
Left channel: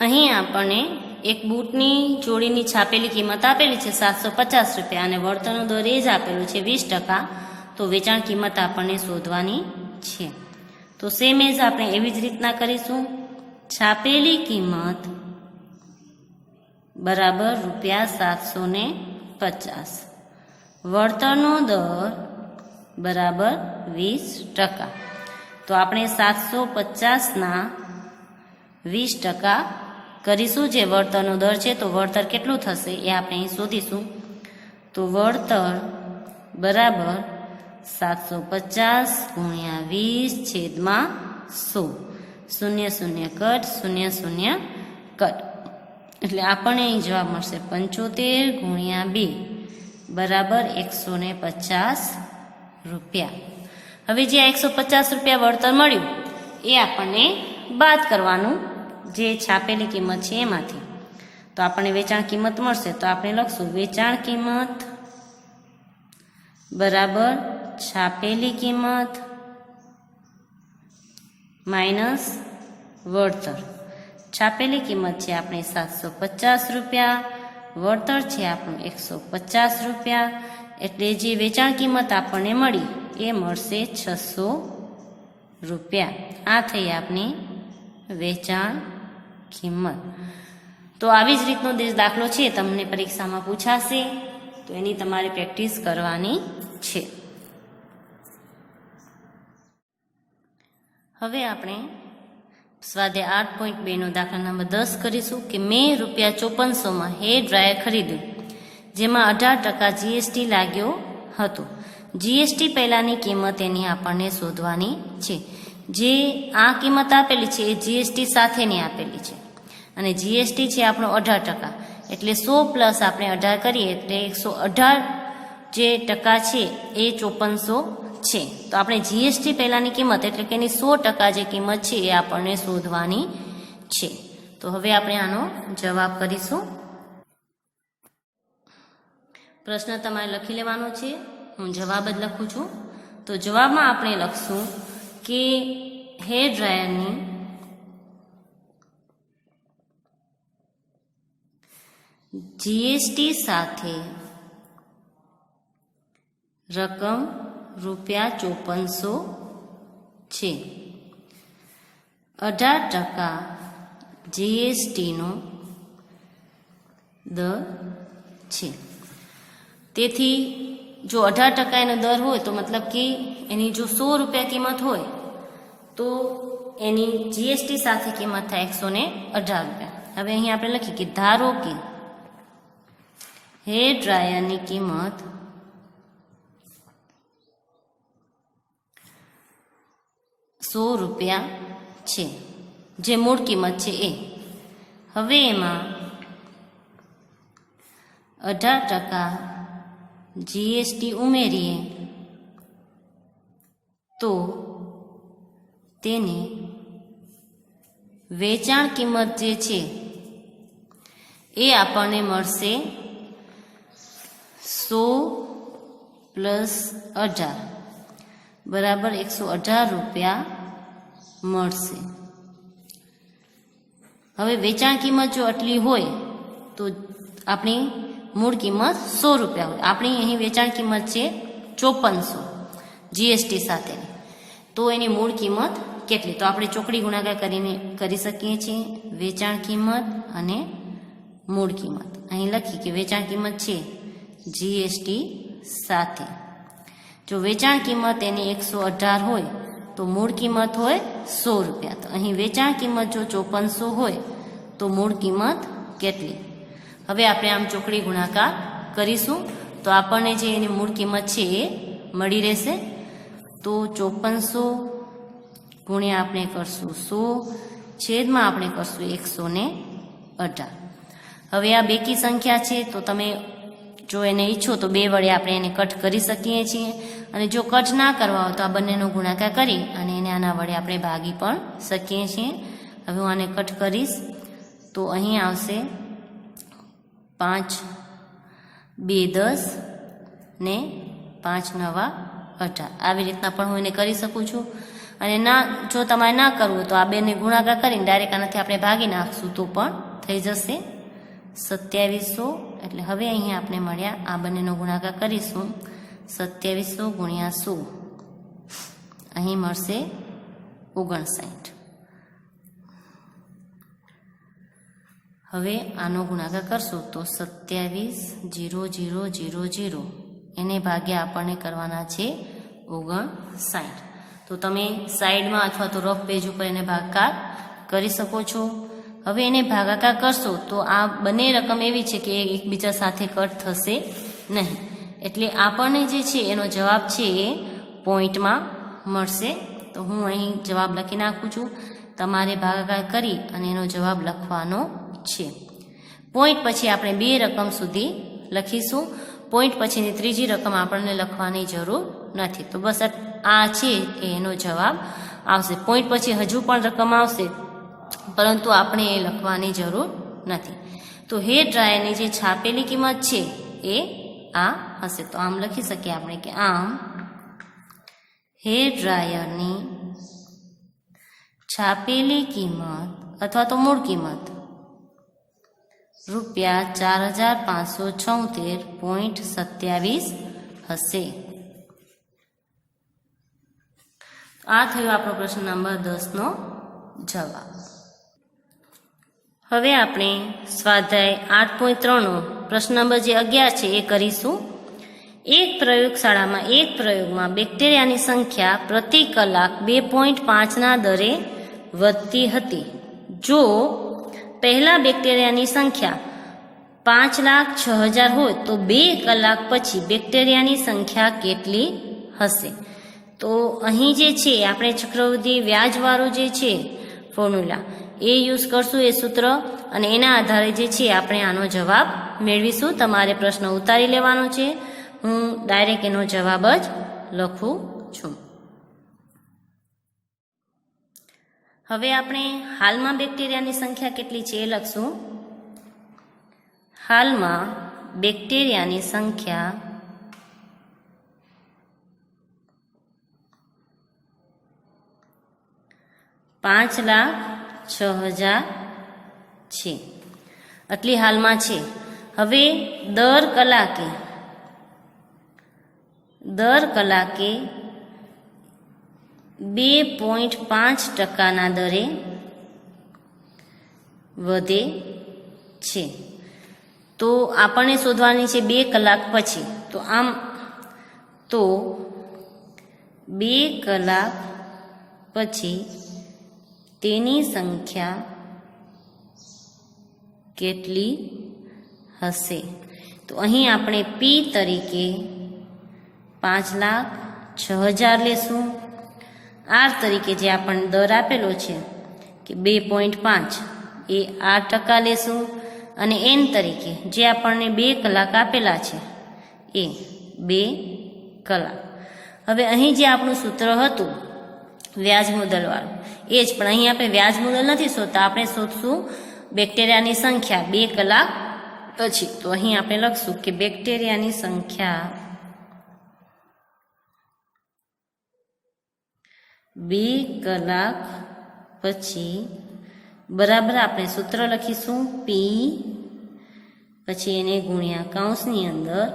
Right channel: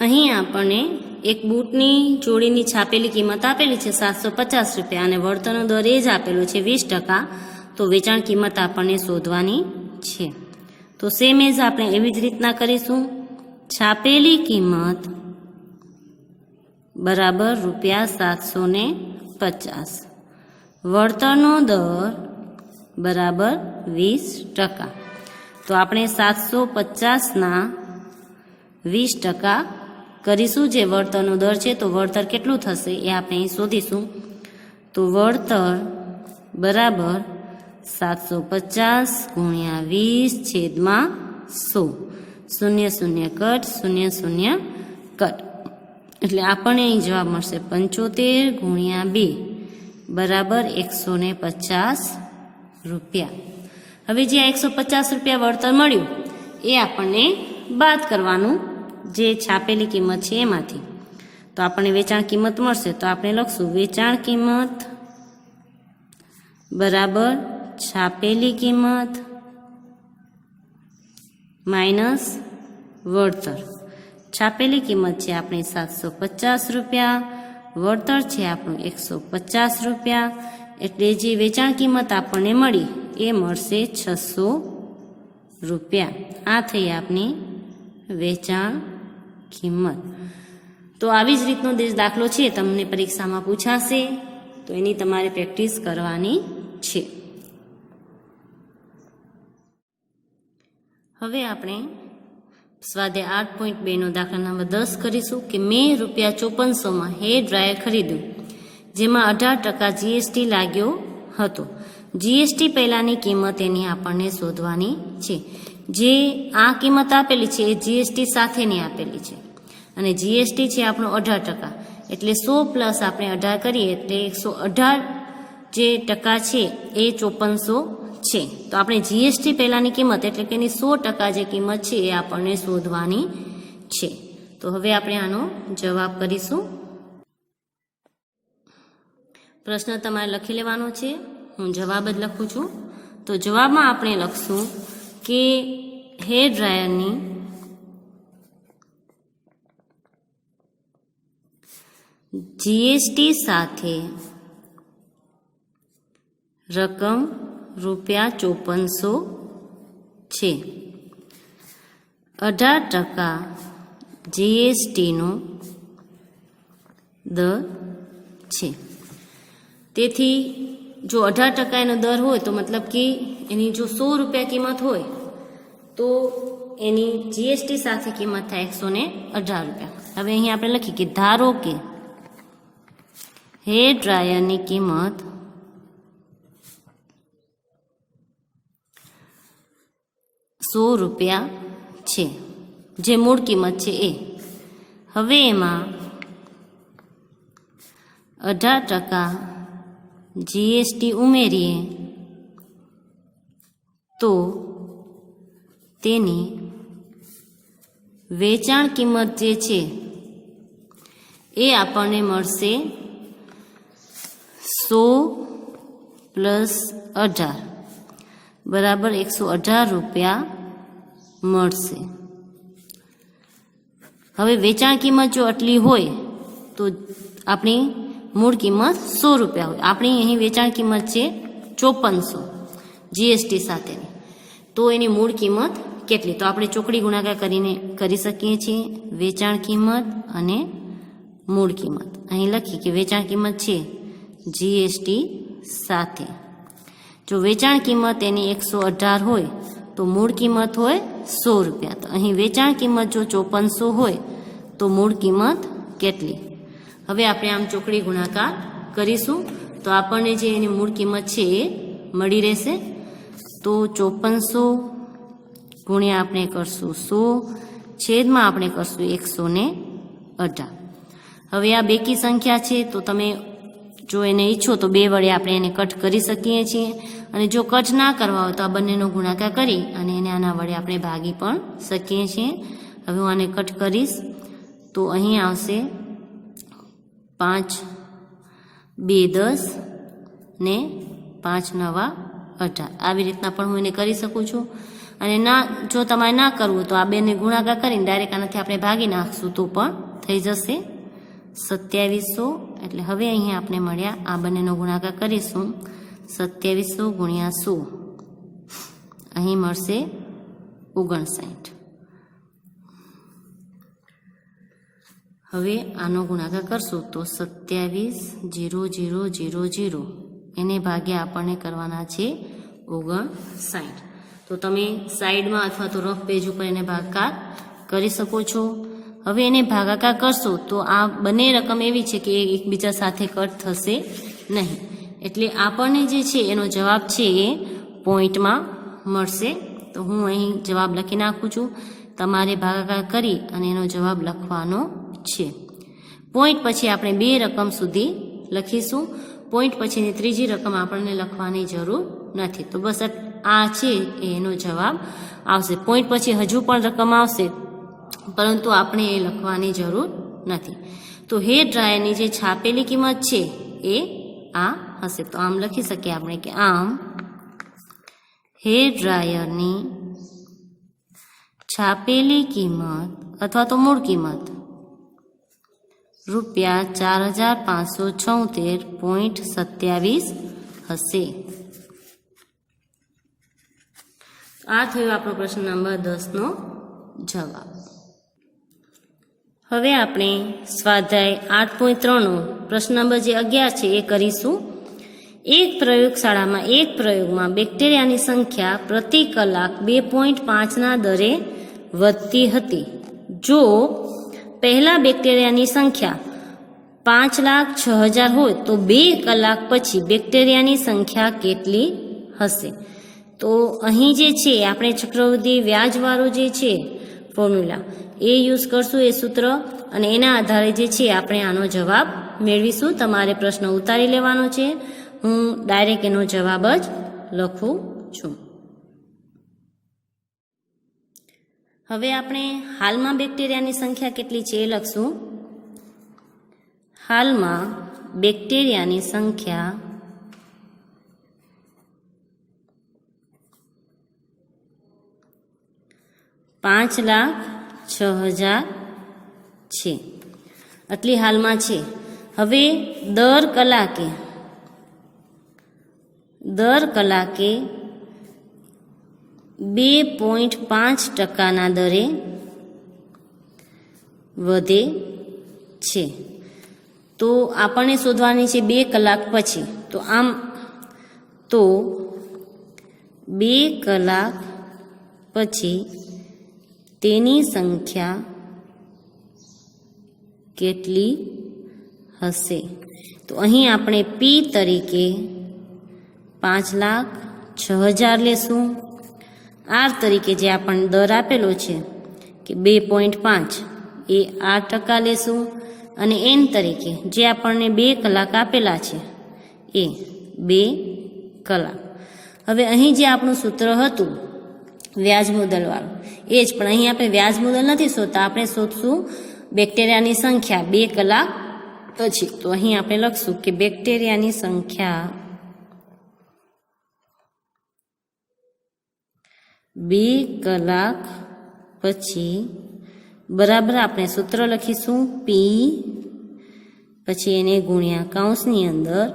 અહીં આપણને એક બૂટની જોડીની છાપેલી કિંમત આપેલી છે 750 રૂપિયા અને વળતરનો દર એ જ આપેલો છે 20%. તો વેચાણ કિંમત આપણને શોધવાની છે. તો સેમ એઝ આપણે એવી જ રીતના કરીશું. છાપેલી કિંમત બરાબર ₹750, વળતરનો દર બરાબર 20%. તો આપણે 750ના 20% કરીશું, જે વળતરનો દર છે. તો વળતર કેટલું થશે એ આપણે અહીં શોધીશું. તો વળતર બરાબર 750 ગુણ્યા 20/100, 0 કટ 0 કટ, એટલે આપણને અહીં જવાબ મળશે 75 ગુણ્યા 2 બરાબર 150 રૂપિયા. હવે જે આ 150 રૂપિયા વળતર મળ્યું એ આપણને બાદ કરવાનું, જે છાપેલી કિંમત છે એમાંથી. તો આપણને વેચાણ કિંમત મળશે. તો આપણે લખશું વેચાણ કિંમત બરાબર છાપેલી કિંમત માઇનસ વળતર. છાપેલી કિંમત છે આપણે 750 રૂપિયા, વળતર છે આપણું 150 રૂપિયા, એટલે જે વેચાણ કિંમત આપણને મળી એ મળશે 600 રૂપિયા. આ થઈ આપણી વેચાણ કિંમત. તો આવી જ રીતનો દાખલો છે તમને પરીક્ષામાં પૂછાશે, તો એની તમારે પ્રેક્ટિસ કરવાની છે. હવે આપણે સ્વાધ્યાય 8.2 દાખલા નંબર 10 કરીશું કે મેં ₹5400 હેર ડ્રાયર ખરીદ્યું, જેમાં 18% જીએસટી લાગ્યો હતો. જીએસટી પહેલાંની કિંમત એની આપણને શોધવાની છે. જે આ કિંમત આપેલી છે એ જીએસટી સાથેની આપેલી છે અને જીએસટી છે આપણો 18%, એટલે 100 પ્લસ આપણે 18 કરીએ એટલે 118 જે ટકા છે એ 5400 છે. તો આપણે જીએસટી પહેલાંની કિંમત એટલે કે એની 100% જે કિંમત છે એ આપણને શોધવાની છે. તો હવે આપણે આનો જવાબ કરીશું. પ્રશ્ન તમારે લખી લેવાનો છે, હું જવાબ જ લખું છું. તો જવાબમાં આપણે લખશું કે હેર ડ્રાયરની જીએસટી સાથે રકમ ₹5400 છે. 18% જીએસટીનો દર છે. તેથી જો 18% એનો દર હોય તો મતલબ કે એની જો 100 રૂપિયા કિંમત હોય તો એની જીએસટી સાથે કિંમત થાય 118 રૂપિયા. હવે અહીં આપણે લખીએ કે ધારો કે હેર ડ્રાયરની કિંમત ₹100 છે, જે મૂળ કિંમત છે એ. હવે એમાં 18% જીએસટી ઉમેરીએ તો તેની વેચાણ કિંમત જે છે એ આપણને મળશે 100 પ્લસ 18 બરાબર 118 રૂપિયા મળશે. હવે વેચાણ કિંમત જો આટલી હોય તો આપણી મૂળ કિંમત 100 રૂપિયા હોય. આપણી અહીં વેચાણ કિંમત છે 5400 જીએસટી સાથેની, તો એની મૂળ કિંમત કેટલી? તો આપણે ચોકડી ગુણાકાર કરીને કરી શકીએ છીએ વેચાણ કિંમત અને મૂળ કિંમત. અહીં લખી કે વેચાણ કિંમત છે જીએસટી સાથે. જો વેચાણ કિંમત એની 118 હોય તો મૂળ કિંમત હોય 100 રૂપિયા. તો અહીં વેચાણ કિંમત જો 5400 હોય તો મૂળ કિંમત કેટલી? હવે આપણે આમ ચોકડી ગુણાકાર કરીશું તો આપણને જે એની મૂળ કિંમત છે એ મળી રહેશે. તો 5400 ગુણ્યા આપણે કરશું 100 છેદમાં આપણે કરશું 118. હવે આ બેકી સંખ્યા છે તો તમે જો એને ઈચ્છો તો 2 વડે આપણે એને કટ કરી શકીએ છીએ, અને જો કટ ના કરવા હોય તો આ બંનેનો ગુણાકાર કરી અને એને આના વડે આપણે ભાગી પણ શકીએ છીએ. હવે હું આને કટ કરીશ તો અહીં આવશે 5 2 10 ને 5 9 18 આવી રીતના પણ હું એને કરી શકું છું। અને ના જો તમારે ના કરવું તો આ બેને ગુણાકાર કરીને ડાયરેક્ટ આનાથી આપણે ભાગી નાખશું તો પણ થઈ જશે 2700। એટલે હવે અહીંયા આપણે મળ્યા આ બંનેનો ગુણાકાર કરીશું 2700 ગુણ્યા 100 અહીં મળશે 59। હવે આનો ગુણાકાર કરશું તો 27,0,0,0,0 એને ભાગ્યા આપણને કરવાના છે 59। તો તમે સાઈડમાં અથવા તો રફ પેજ ઉપર એને ભાગાકાર કરી શકો છો। હવે એને ભાગાકાર કરશો તો આ બંને રકમ એવી છે કે એકબીજા સાથે કટ થશે નહીં, એટલે આપણને જે છે એનો જવાબ છે એ પોઈન્ટમાં મળશે। તો હું અહીં જવાબ લખી નાખું છું, તમારે ભાગાકાર કરી અને એનો જવાબ લખવાનો છે। પોઈન્ટ પછી આપણે બે રકમ સુધી લખીશું, પોઈન્ટ પછીની ત્રીજી રકમ આપણને લખવાની જરૂર નથી। તો બસ આ છે એનો જવાબ આવશે। પોઈન્ટ પછી હજુ પણ રકમ આવશે પરંતુ આપણે એ લખવાની જરૂર નથી। તો હેર ડ્રાયરની જે છાપેલી કિંમત છે એ આ હશે। તો આમ લખી શકીએ આપણે કે આમ હેર ડ્રાયરની છાપેલી કિંમત અથવા તો મૂળ કિંમત ₹4,576.27 હશે। આ થયો આપણો પ્રશ્ન નંબર 10નો જવાબ। હવે આપણે સ્વાધ્યાય 8.3નો પ્રશ્ન નંબર જે 11 છે એ કરીશું। એક પ્રયોગશાળામાં એક પ્રયોગમાં બેક્ટેરિયાની સંખ્યા પ્રતિ કલાક 2.5ના દરે વધતી હતી। જો પહેલા બેક્ટેરિયાની સંખ્યા 5,06,000 હોય તો 2 કલાક પછી બેક્ટેરિયાની સંખ્યા કેટલી હશે? તો અહીં જે છે આપણે ચક્રવૃદ્ધિ વ્યાજવાળો જે છે ફોર્મ્યુલા એ યુઝ કરશું, એ સૂત્ર, અને એના આધારે જે છે આપણે આનો જવાબ મેળવીશું। તમારે પ્રશ્ન ઉતારી લેવાનો છે, હું ડાયરેક્ટ એનો જવાબ જ લખું છું। હવે આપણે હાલમાં બેક્ટેરિયાની સંખ્યા કેટલી છે એ લખશું। હાલમાં બેક્ટેરિયાની સંખ્યા 5,06,000 છે, આટલી હાલમાં છે। હવે દર કલાકે 2.5%ના દરે વધે છે। તો આપણને શોધવાની છે 2 કલાક પછી। તો આમ તો 2 કલાક પછી તેની સંખ્યા કેટલી હશે? તો અહીં આપણે પી તરીકે 5,06,000 લેશું, આર તરીકે જે આપણને દર આપેલો છે કે 2.5 એ 8% લેશું, અને એન તરીકે જે આપણને 2 કલાક આપેલા છે એ 2 કલાક। હવે અહીં જે આપણું સૂત્ર હતું વ્યાજ મુદ્દલવાળું એ જ, પણ અહીં આપણે વ્યાજ મુદ્દલ નથી શોધતા, આપણે શોધશું બેક્ટેરિયાની સંખ્યા 2 કલાક પછી। તો અહીં આપણે લખશું કે બેક્ટેરિયાની સંખ્યા 2 કલાક પછી બરાબર આપણે સૂત્ર લખીશું પી, પછી એને ગુણ્યા કૌંસની અંદર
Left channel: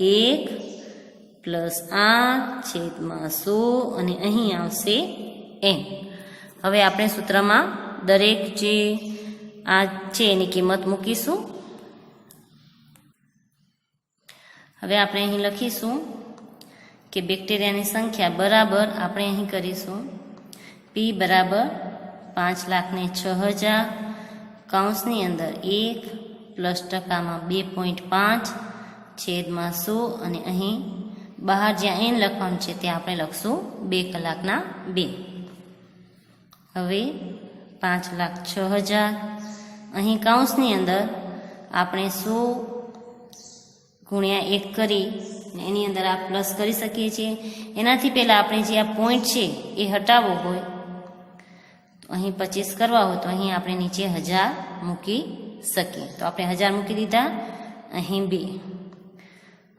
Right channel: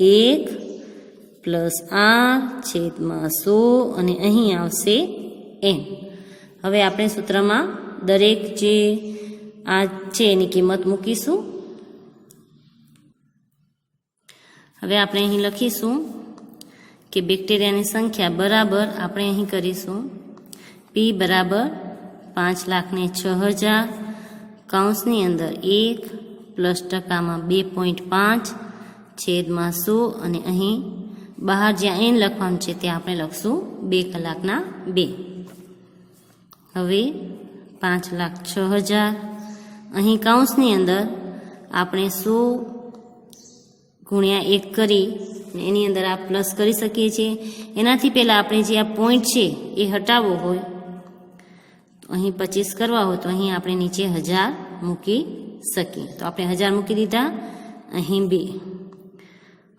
1+8/100 અને અહીં આવશે n। હવે આપણે સૂત્રમાં દરેક જે આ છે એની કિંમત મૂકીશું। હવે આપણે અહીં લખીશું કે બેક્ટેરિયાની સંખ્યા બરાબર આપણે અહીં કરીશું પી બરાબર 5,06,000 કૌંસની અંદર 1+ટકામાં 2.5/100 અને અહીં બહાર જ્યાં એન લખવાનું છે ત્યાં આપણે લખશું 2 કલાકના 2। હવે 5,06,000 અહીં કૌંસની અંદર આપણે 100 ગુણ્યા 1 કરી એની અંદર આ પ્લસ કરી શકીએ છીએ। એનાથી પહેલાં આપણે જે આ પોઈન્ટ છે એ હટાવવો હોય તો અહીં 25 કરવા હોય તો અહીં આપણે નીચે 1000 મૂકી શકીએ। તો આપણે 1000 મૂકી દીધા, અહીં 2,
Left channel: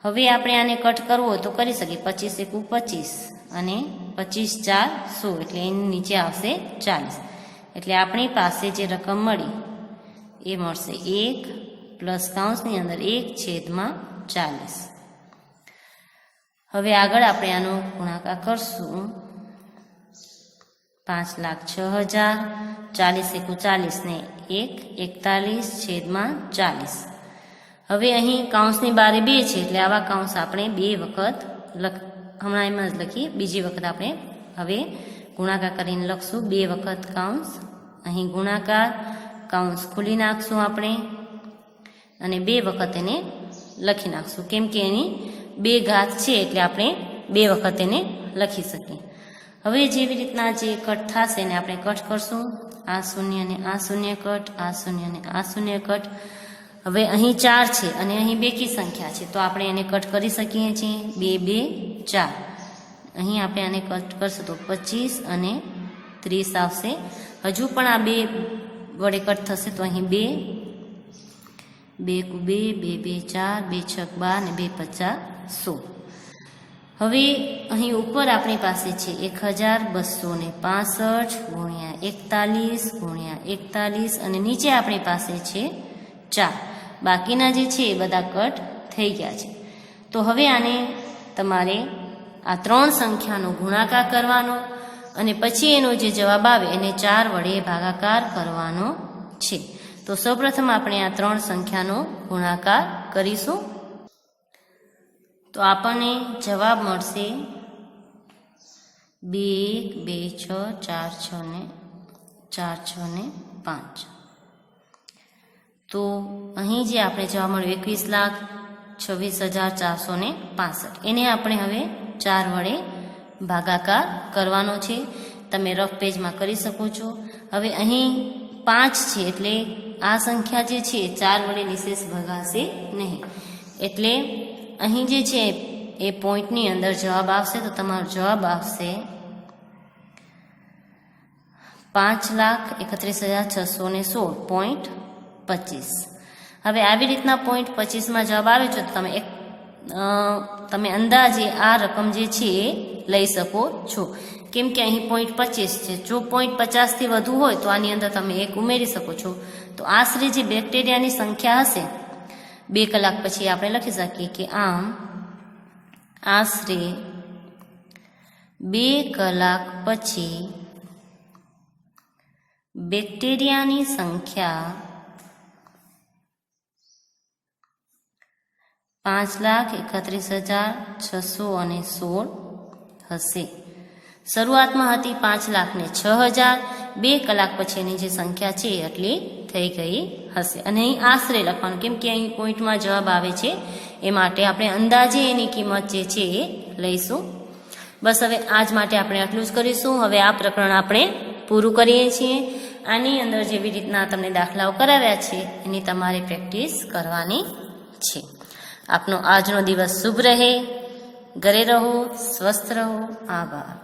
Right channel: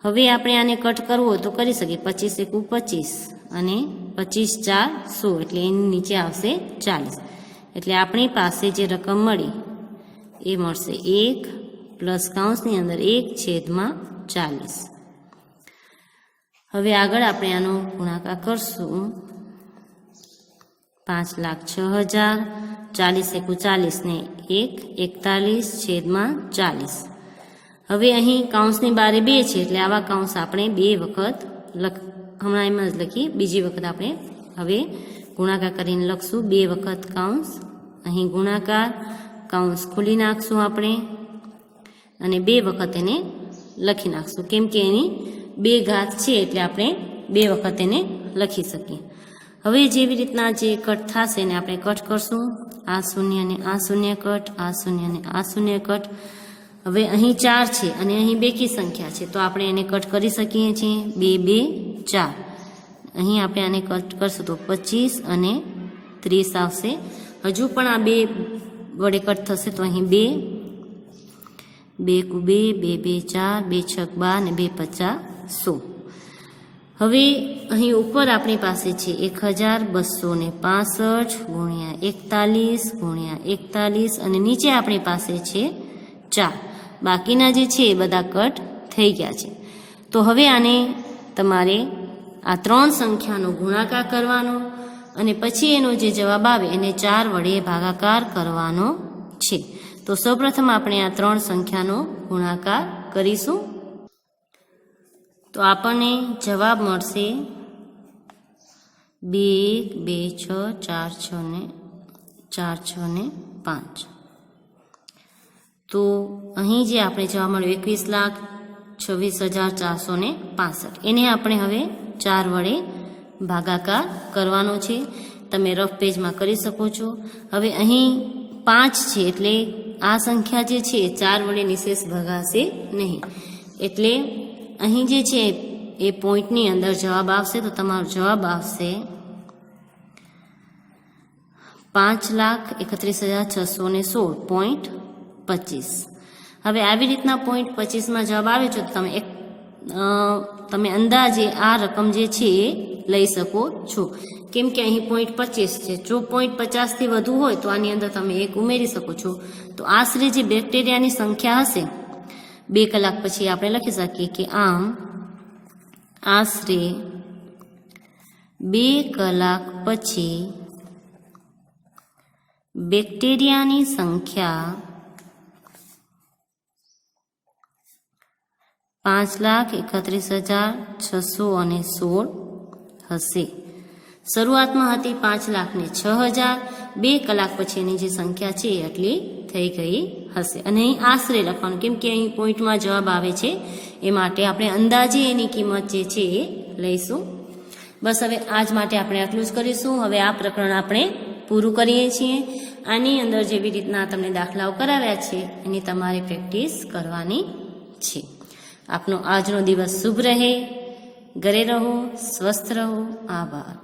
હવે આપણે આને કટ કરવો હોય તો કરી શકીએ. 25 એકુ 25 અને 25 4 100 એટલે એની નીચે આવશે 40. એટલે આપણી પાસે જે રકમ મળી એ મળશે 1 પ્લસ કૌંસની અંદર 1/40. હવે આગળ આપણે આનો ગુણાકાર કરશું. 5,06,000 40 એકુ 40 ને 1 41/40. હવે અહીં કૌંસની બારે 2 છે એટલે આવા કૌંસ આપણે 2 વખત હમણાં એમ જ લખીએ. બીજી વખત આપણે હવે ગુણાકાર કરીને લખશું. 2 વખત કૌંસ, અહીં ગુણાકાર, કૌંસ ખોલી નાખશું આપણે અને 2 વખત એને લખી નાખશું. કેમ કે એની 2 ઘાત છે એટલે આપણે 2 વખત એને લખી શકીએ. હવે જેવી રીતના જે કટ થશે એને આપણે કટ કરશું. આ શૂન્ય ને આ શૂન્ય કટ, આ શૂન્ય ને આ શૂન્ય કટ. હવે અહીં 4 છે અને અહીં બેકી સંખ્યા છે તો આપણે એને કટ કરી શકીએ છીએ. 2 2 4. અહીં આપણે આને કટ કરશું તો 25 અને 30 આવશે. હજુ પણ આ 2 વડે કટ થશે તો અહીં 2 2 2 2 2 4 2 6 12 ને 2 50 100. હવે અહીં ઉપર આપણી પાસે છે 1265 ગુણ્યા 41 ગુણ્યા 41 અને નીચે આપણી પાસે છે 4. બાકીના જે છે એ બધા કટ થઈ ગયા છે. તો હવે આને તમારે આ 3 સંખ્યાનો ગુણાકાર કરવાનો અને પછી એનો જે જવાબ આવે એને 4 વડે ભાગાકાર કરવાનો છે. તો સૌપ્રથમ આપણે આ 3 સંખ્યાનો ગુણાકાર કરીશું. તો આપણને જવાબ મળશે 2 2 6 4 6 ને 4 6 ને 5. તો અહીં જે આપણે જવાબ મળ્યું 21,26,465 એને આપણે હવે 4 વડે ભાગાકાર કરવાનો છે. તમે રફ પેજમાં કરી શકો છો. હવે અહીં 5 છે એટલે આ સંખ્યા જે છે 4 વડે નિશેષ ભગાશે નહીં. એટલે અહીં જે છે એ પોઈન્ટની અંદર જવાબ આવશે તો તમારો જવાબ આવશે 5,31,616.25. હવે આવી રીતના પોઈન્ટ 25માં જવાબ આવે છે તો તમે અંદાજે આ રકમ જે છે એ લઈ શકો છો. કેમ કે અહીં પોઈન્ટ 25 છે. જો પોઈન્ટ 50થી વધુ હોય તો આની અંદર તમે 1 ઉમેરી શકો છો. તો આશરે જે બેક્ટેરિયાની સંખ્યા હશે 2 કલાક પછી આપણે લખી શકીએ કે આમ આશરે 2 કલાક પછી બેક્ટેરિયાની સંખ્યા 5,31,616 હશે. શરૂઆતમાં હતી 5,06,000. 2 કલાક પછીની જે સંખ્યા છે એટલી થઈ ગઈ હશે. અને અહીં આશરે લખવાનું કેમ કે અહીં પોઈન્ટમાં જવાબ આવે છે એ માટે આપણે અંદાજે એની કિંમત જે છે એ લઈશું. બસ હવે આજ માટે આપણે આટલું જ કરીશું. હવે આ પ્રકરણ આપણે પૂરું કરીએ છીએ. આની અંદર જેવી રીતના તમને દાખલાઓ કરાવ્યા છે એની તમારે પ્રેક્ટિસ કરવાની છે. આપનો આજનો દિવસ શુભ રહે. ઘરે રહો, સ્વસ્થ રહો. આભાર.